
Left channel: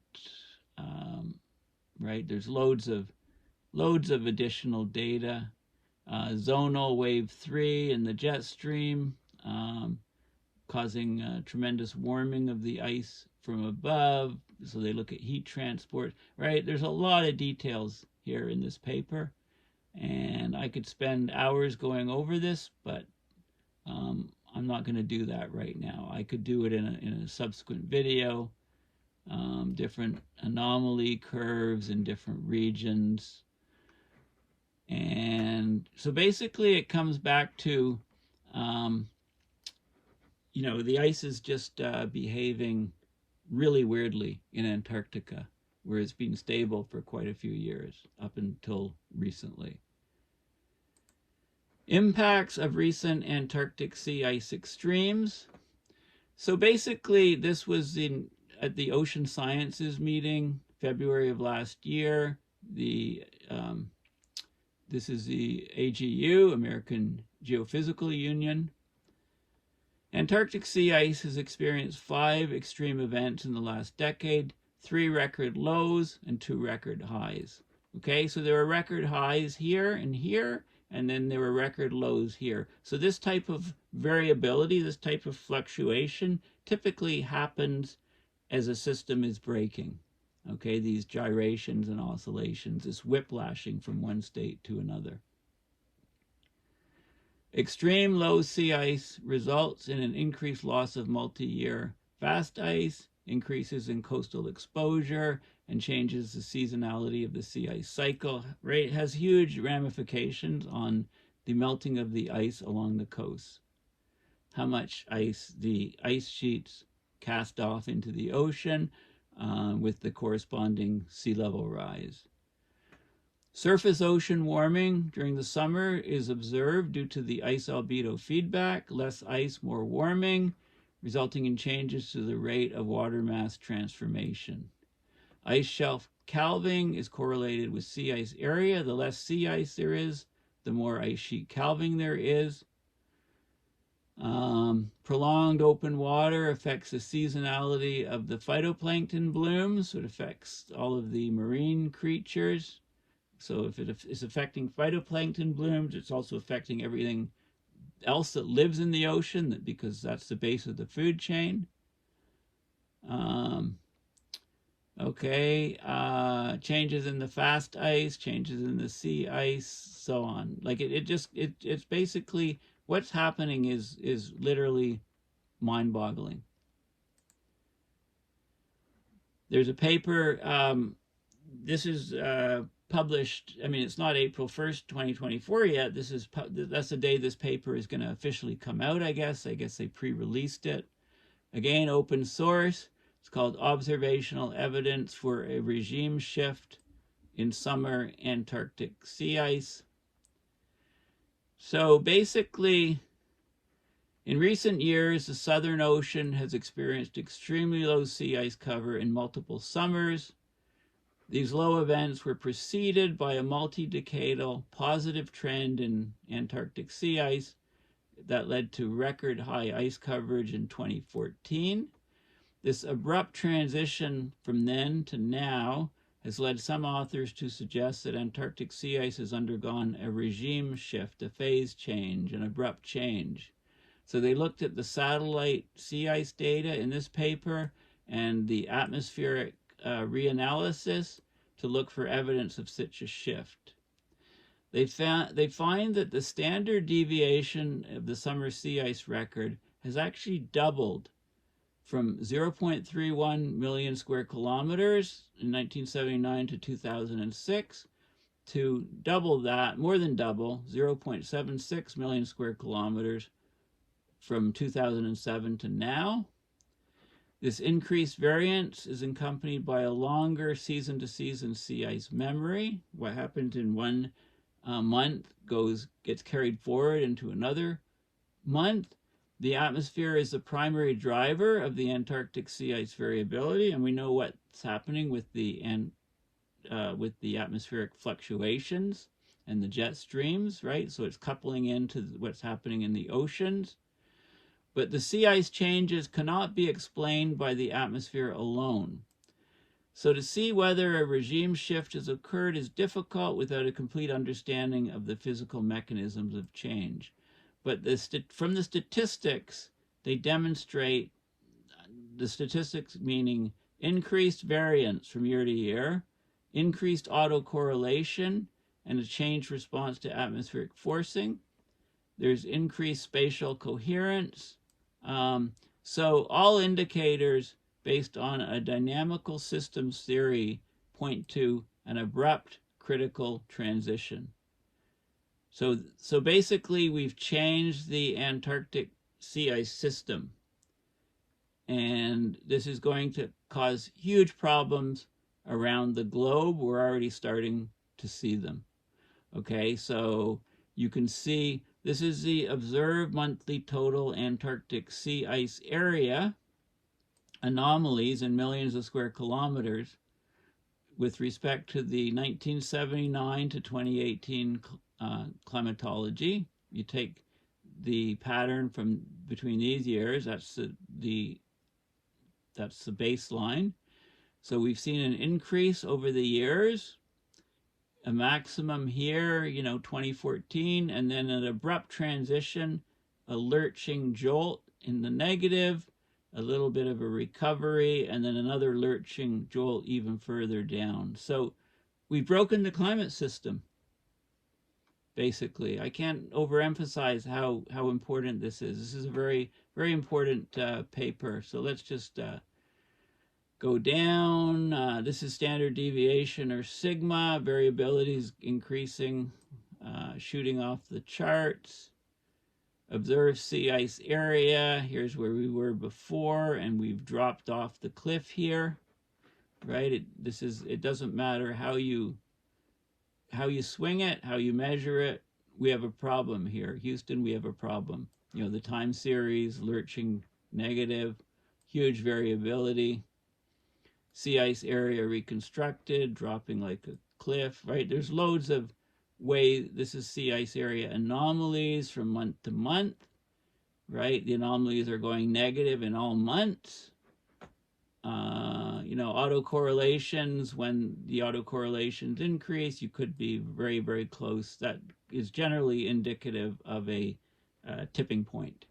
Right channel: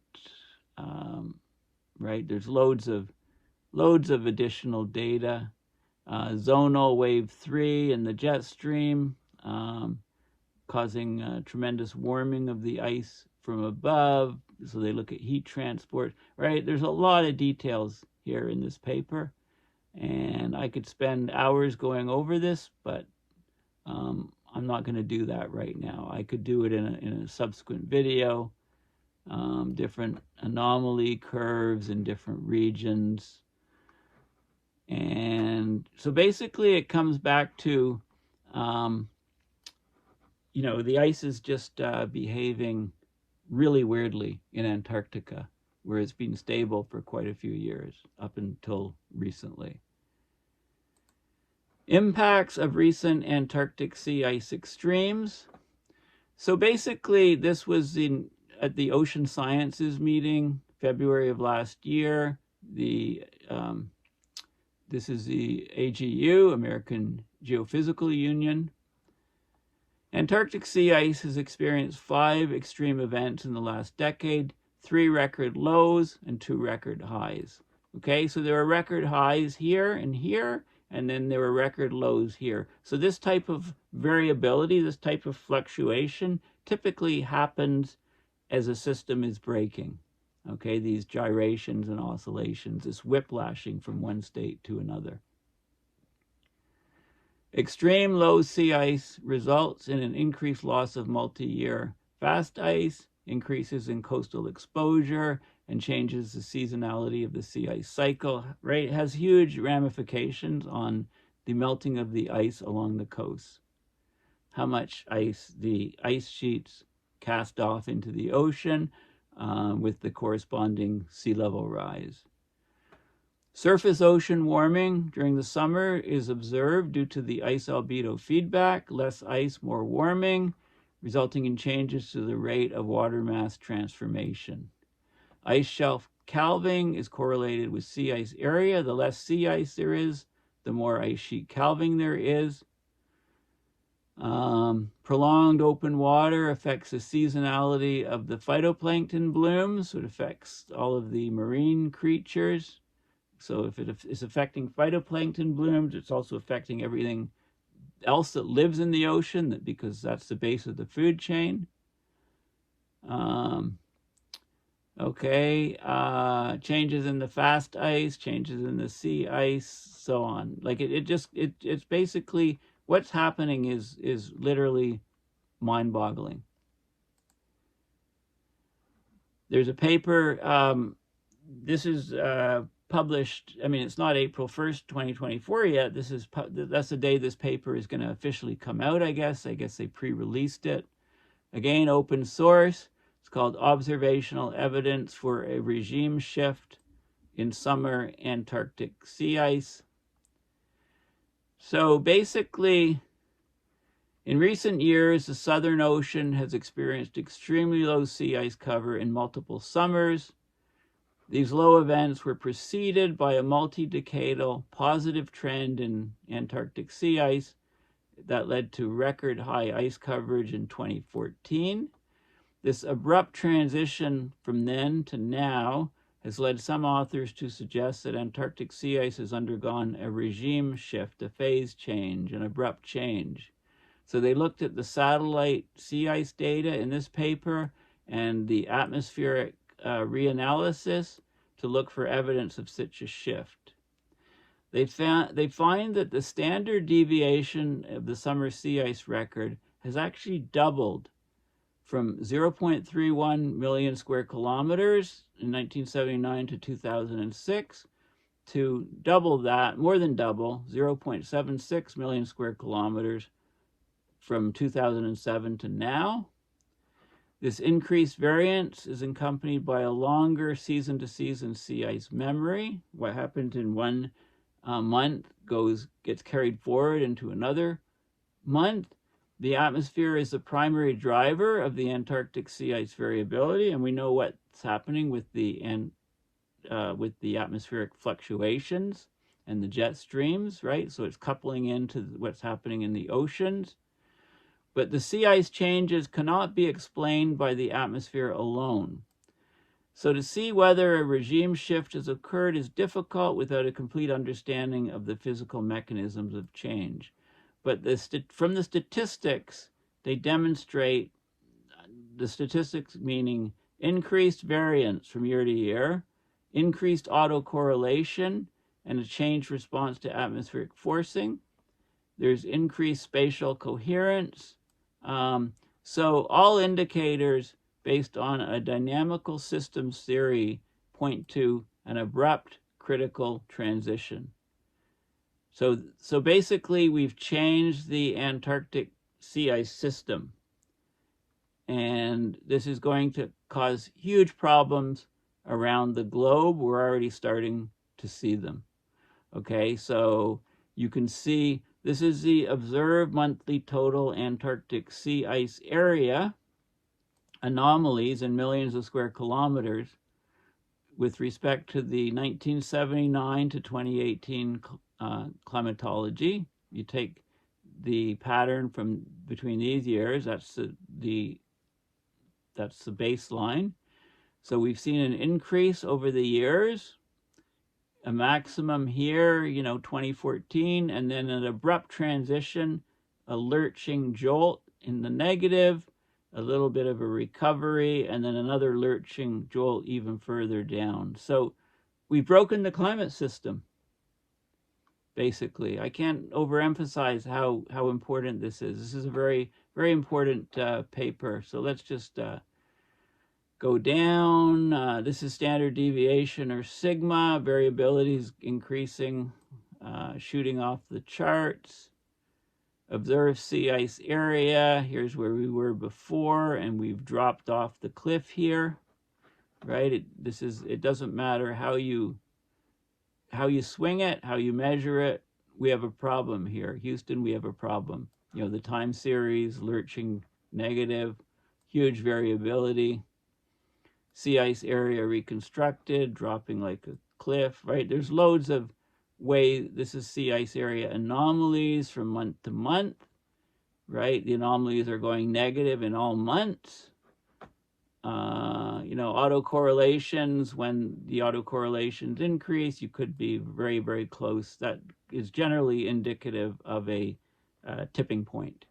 right? There's loads of additional data. Zonal wave 3 in the jet stream, causing tremendous warming of the ice from above. So they look at heat transport, right? There's a lot of details here in this paper, and I could spend hours going over this, but I'm not going to do that right now. I could do it in a subsequent video. Different anomaly curves in different regions. And so basically it comes back to, the ice is just behaving really weirdly in Antarctica, where it's been stable for quite a few years, up until recently. Impacts of recent Antarctic sea ice extremes. So basically, this was at the Ocean Sciences meeting, February of last year. This is the AGU, American Geophysical Union. Antarctic sea ice has experienced 5 extreme events in the last decade, 3 record lows and 2 record highs. Okay, so there are record highs here, and then there were record lows here. So this type of variability, this type of fluctuation, typically happens as a system is breaking. Okay, these gyrations and oscillations, this whiplashing from one state to another. Extreme low sea ice results in an increased loss of multi-year fast ice, increases in coastal exposure, and changes the seasonality of the sea ice cycle. Right? It has huge ramifications on the melting of the ice along the coast. How much ice the ice sheets cast off into the ocean with the corresponding sea level rise. Surface ocean warming during the summer is observed due to the ice albedo feedback, less ice, more warming, resulting in changes to the rate of water mass transformation. Ice shelf calving is correlated with sea ice area. The less sea ice there is, the more ice sheet calving there is. Prolonged open water affects the seasonality of the phytoplankton blooms. So it affects all of the marine creatures. So if it is affecting phytoplankton blooms, it's also affecting everything else that lives in the ocean, because that's the base of the food chain. Changes in the fast ice, changes in the sea ice, so on. Like it's basically what's happening is literally mind-boggling. There's a paper. This is published. I mean, it's not April 1st, 2024 yet. That's the day this paper is going to officially come out. I guess they pre-released it. Again, open source. It's called Observational Evidence for a Regime Shift in Summer Antarctic Sea Ice. So basically, in recent years, the Southern Ocean has experienced extremely low sea ice cover in multiple summers. These low events were preceded by a multi-decadal positive trend in Antarctic sea ice that led to record high ice coverage in 2014. This abrupt transition from then to now has led some authors to suggest that Antarctic sea ice has undergone a regime shift, a phase change, an abrupt change. So they looked at the satellite sea ice data in this paper and the atmospheric reanalysis to look for evidence of such a shift. They find that the standard deviation of the summer sea ice record has actually doubled from 0.31 million square kilometers in 1979 to 2006 to double that, more than double, 0.76 million square kilometers from 2007 to now. This increased variance is accompanied by a longer season-to-season sea ice memory. What happened in one month gets carried forward into another month. The atmosphere is the primary driver of the Antarctic sea ice variability, and we know what's happening with the atmospheric fluctuations and the jet streams, right? So it's coupling into what's happening in the oceans. But the sea ice changes cannot be explained by the atmosphere alone. So to see whether a regime shift has occurred is difficult without a complete understanding of the physical mechanisms of change. But from the statistics, they demonstrate, the statistics meaning increased variance from year to year, increased autocorrelation, and a changed response to atmospheric forcing. There's increased spatial coherence. So all indicators based on a dynamical systems theory point to an abrupt critical transition. So basically, we've changed the Antarctic sea ice system, and this is going to cause huge problems around the globe. We're already starting to see them. Okay, so you can see this is the observed monthly total Antarctic Sea Ice Area anomalies in millions of square kilometers with respect to the 1979 to 2018 climatology. You take the pattern from between these years, that's the baseline. So we've seen an increase over the years, a maximum here, 2014, and then an abrupt transition, a lurching jolt in the negative, a little bit of a recovery, and then another lurching jolt even further down. So we've broken the climate system, basically. I can't overemphasize how important this is. This is a very, very important paper. So let's just go down. This is standard deviation, or sigma. Variability is increasing, shooting off the charts. Observed sea ice area. Here's where we were before, and we've dropped off the cliff here, right? It doesn't matter how you swing it, how you measure it. We have a problem here. Houston, we have a problem. The time series, lurching negative, huge variability. Sea ice area reconstructed, dropping like a cliff, right? There's loads of ways. This is sea ice area anomalies from month to month, right? The anomalies are going negative in all months. Autocorrelations, when the autocorrelations increase, you could be very, very close. That is generally indicative of a tipping point.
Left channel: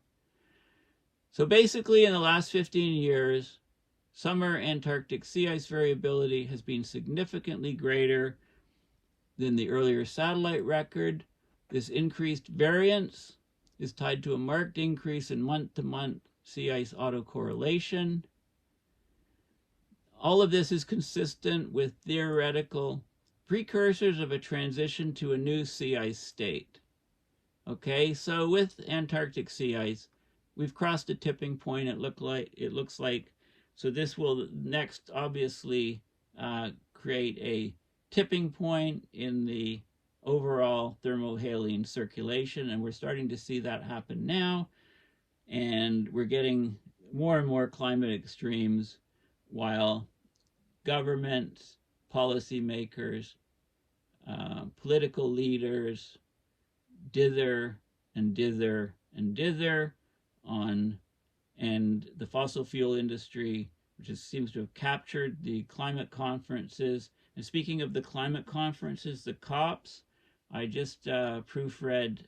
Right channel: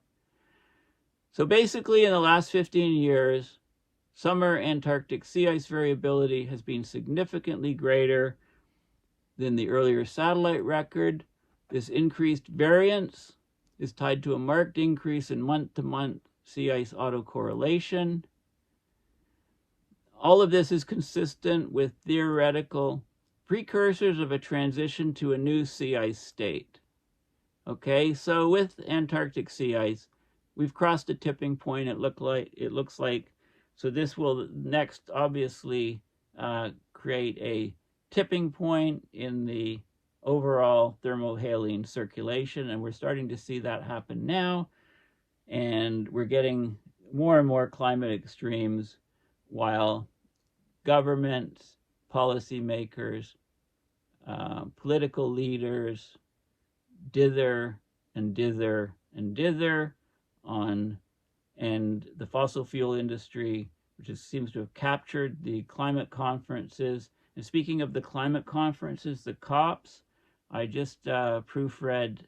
So basically, in the last 15 years, summer Antarctic sea ice variability has been significantly greater than the earlier satellite record. This increased variance is tied to a marked increase in month-to-month sea ice autocorrelation. All of this is consistent with theoretical precursors of a transition to a new sea ice state. Okay, so with Antarctic sea ice, we've crossed a tipping point. It looks like. So this will next obviously create a tipping point in the overall thermohaline circulation, and we're starting to see that happen now. And we're getting more and more climate extremes while governments, policymakers, political leaders dither and dither and dither on, and the fossil fuel industry, which seems to have captured the climate conferences. And speaking of the climate conferences, the COPs, I just proofread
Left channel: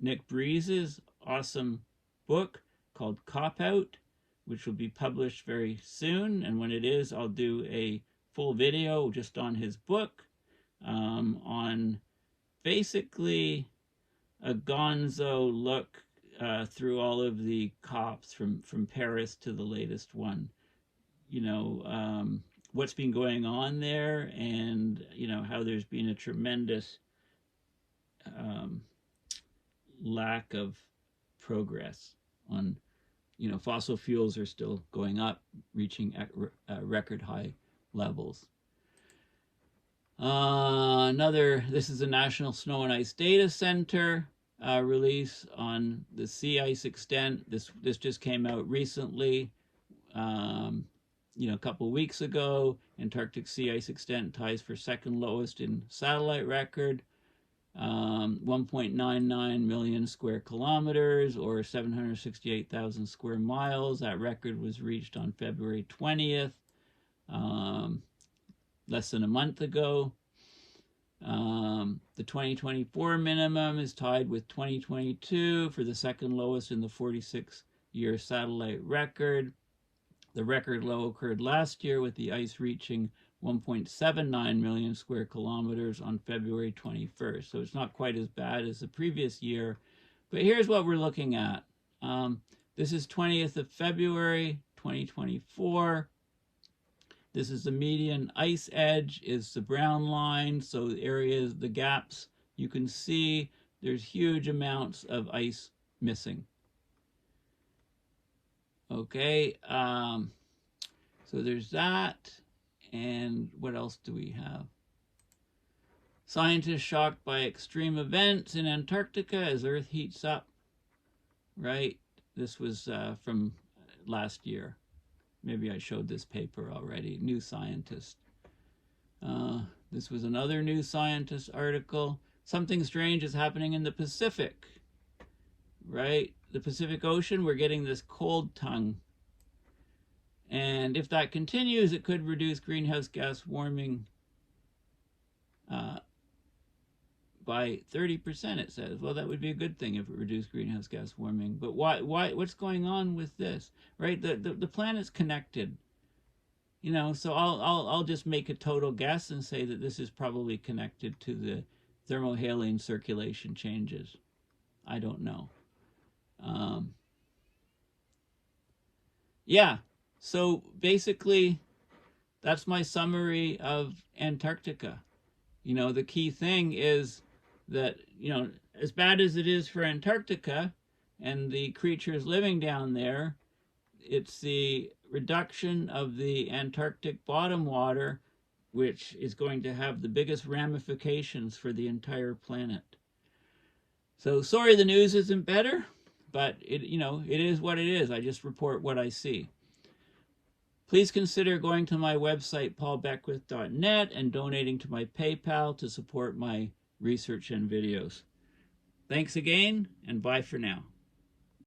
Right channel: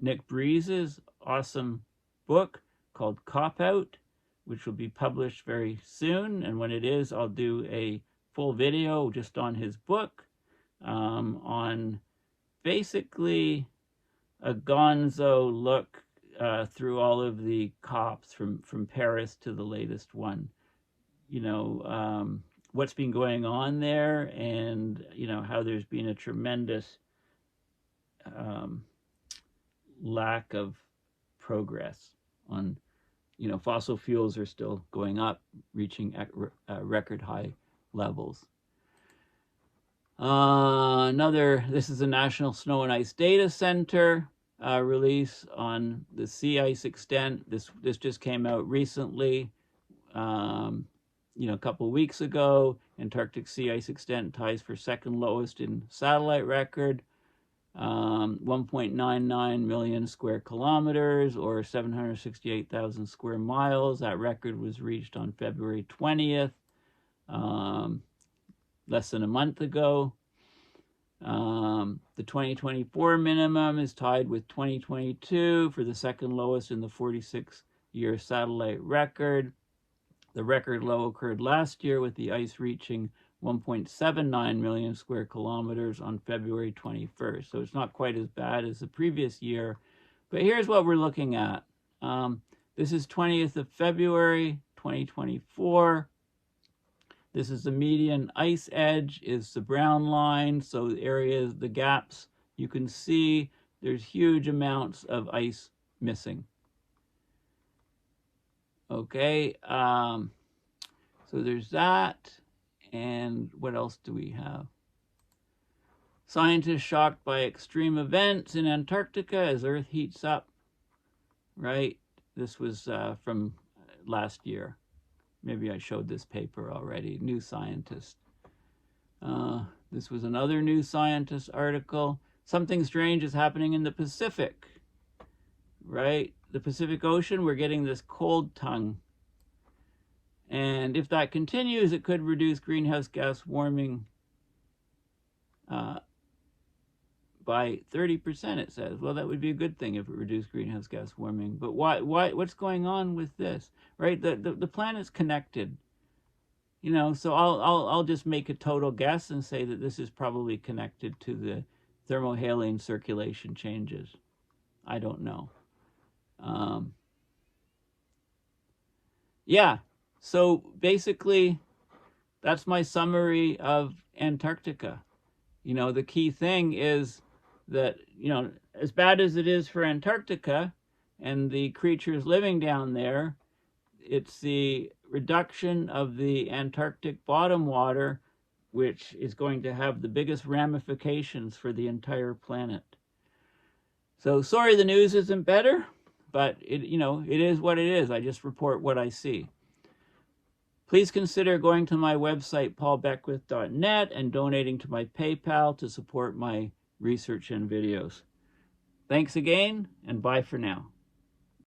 Nick Breeze's awesome book called Cop Out, which will be published very soon. And when it is, I'll do a full video just on his book on basically a gonzo look through all of the COPs from Paris to the latest one. What's been going on there, and how there's been a tremendous lack of progress on, fossil fuels are still going up, reaching record high levels. This is the National Snow and Ice Data Center release on the sea ice extent. This just came out recently. A couple weeks ago. Antarctic sea ice extent ties for second lowest in satellite record. 1.99 million square kilometers, or 768,000 square miles. That record was reached on February 20th, less than a month ago. The 2024 minimum is tied with 2022 for the second lowest in the 46-year satellite record. The record low occurred last year with the ice reaching 1.79 million square kilometers on February 21st. So it's not quite as bad as the previous year. But here's what we're looking at. This is 20th of February, 2024. This is the median ice edge, is the brown line. So the areas, the gaps you can see there's huge amounts of ice missing. Okay, so there's that. And what else do we have? Scientists shocked by extreme events in Antarctica as Earth heats up. Right? This was from last year. Maybe I showed this paper already. New Scientist. This was another New Scientist article. Something strange is happening in the Pacific. Right? The Pacific Ocean, we're getting this cold tongue. And if that continues, it could reduce greenhouse gas warming by 30%, it says. Well, that would be a good thing if it reduced greenhouse gas warming. But why? What's going on with this? Right? The planet's connected. You know, so I'll just make a total guess and say that this is probably connected to the thermohaline circulation changes. I don't know. Yeah, so basically that's my summary of Antarctica. You know, the key thing is that, you know, as bad as it is for Antarctica and the creatures living down there, it's the reduction of the Antarctic bottom water which is going to have the biggest ramifications for the entire planet. So sorry the news isn't better, but it is what it is. I just report what I see. Please consider going to my website, paulbeckwith.net, and donating to my PayPal to support my research and videos. Thanks again, and bye for now.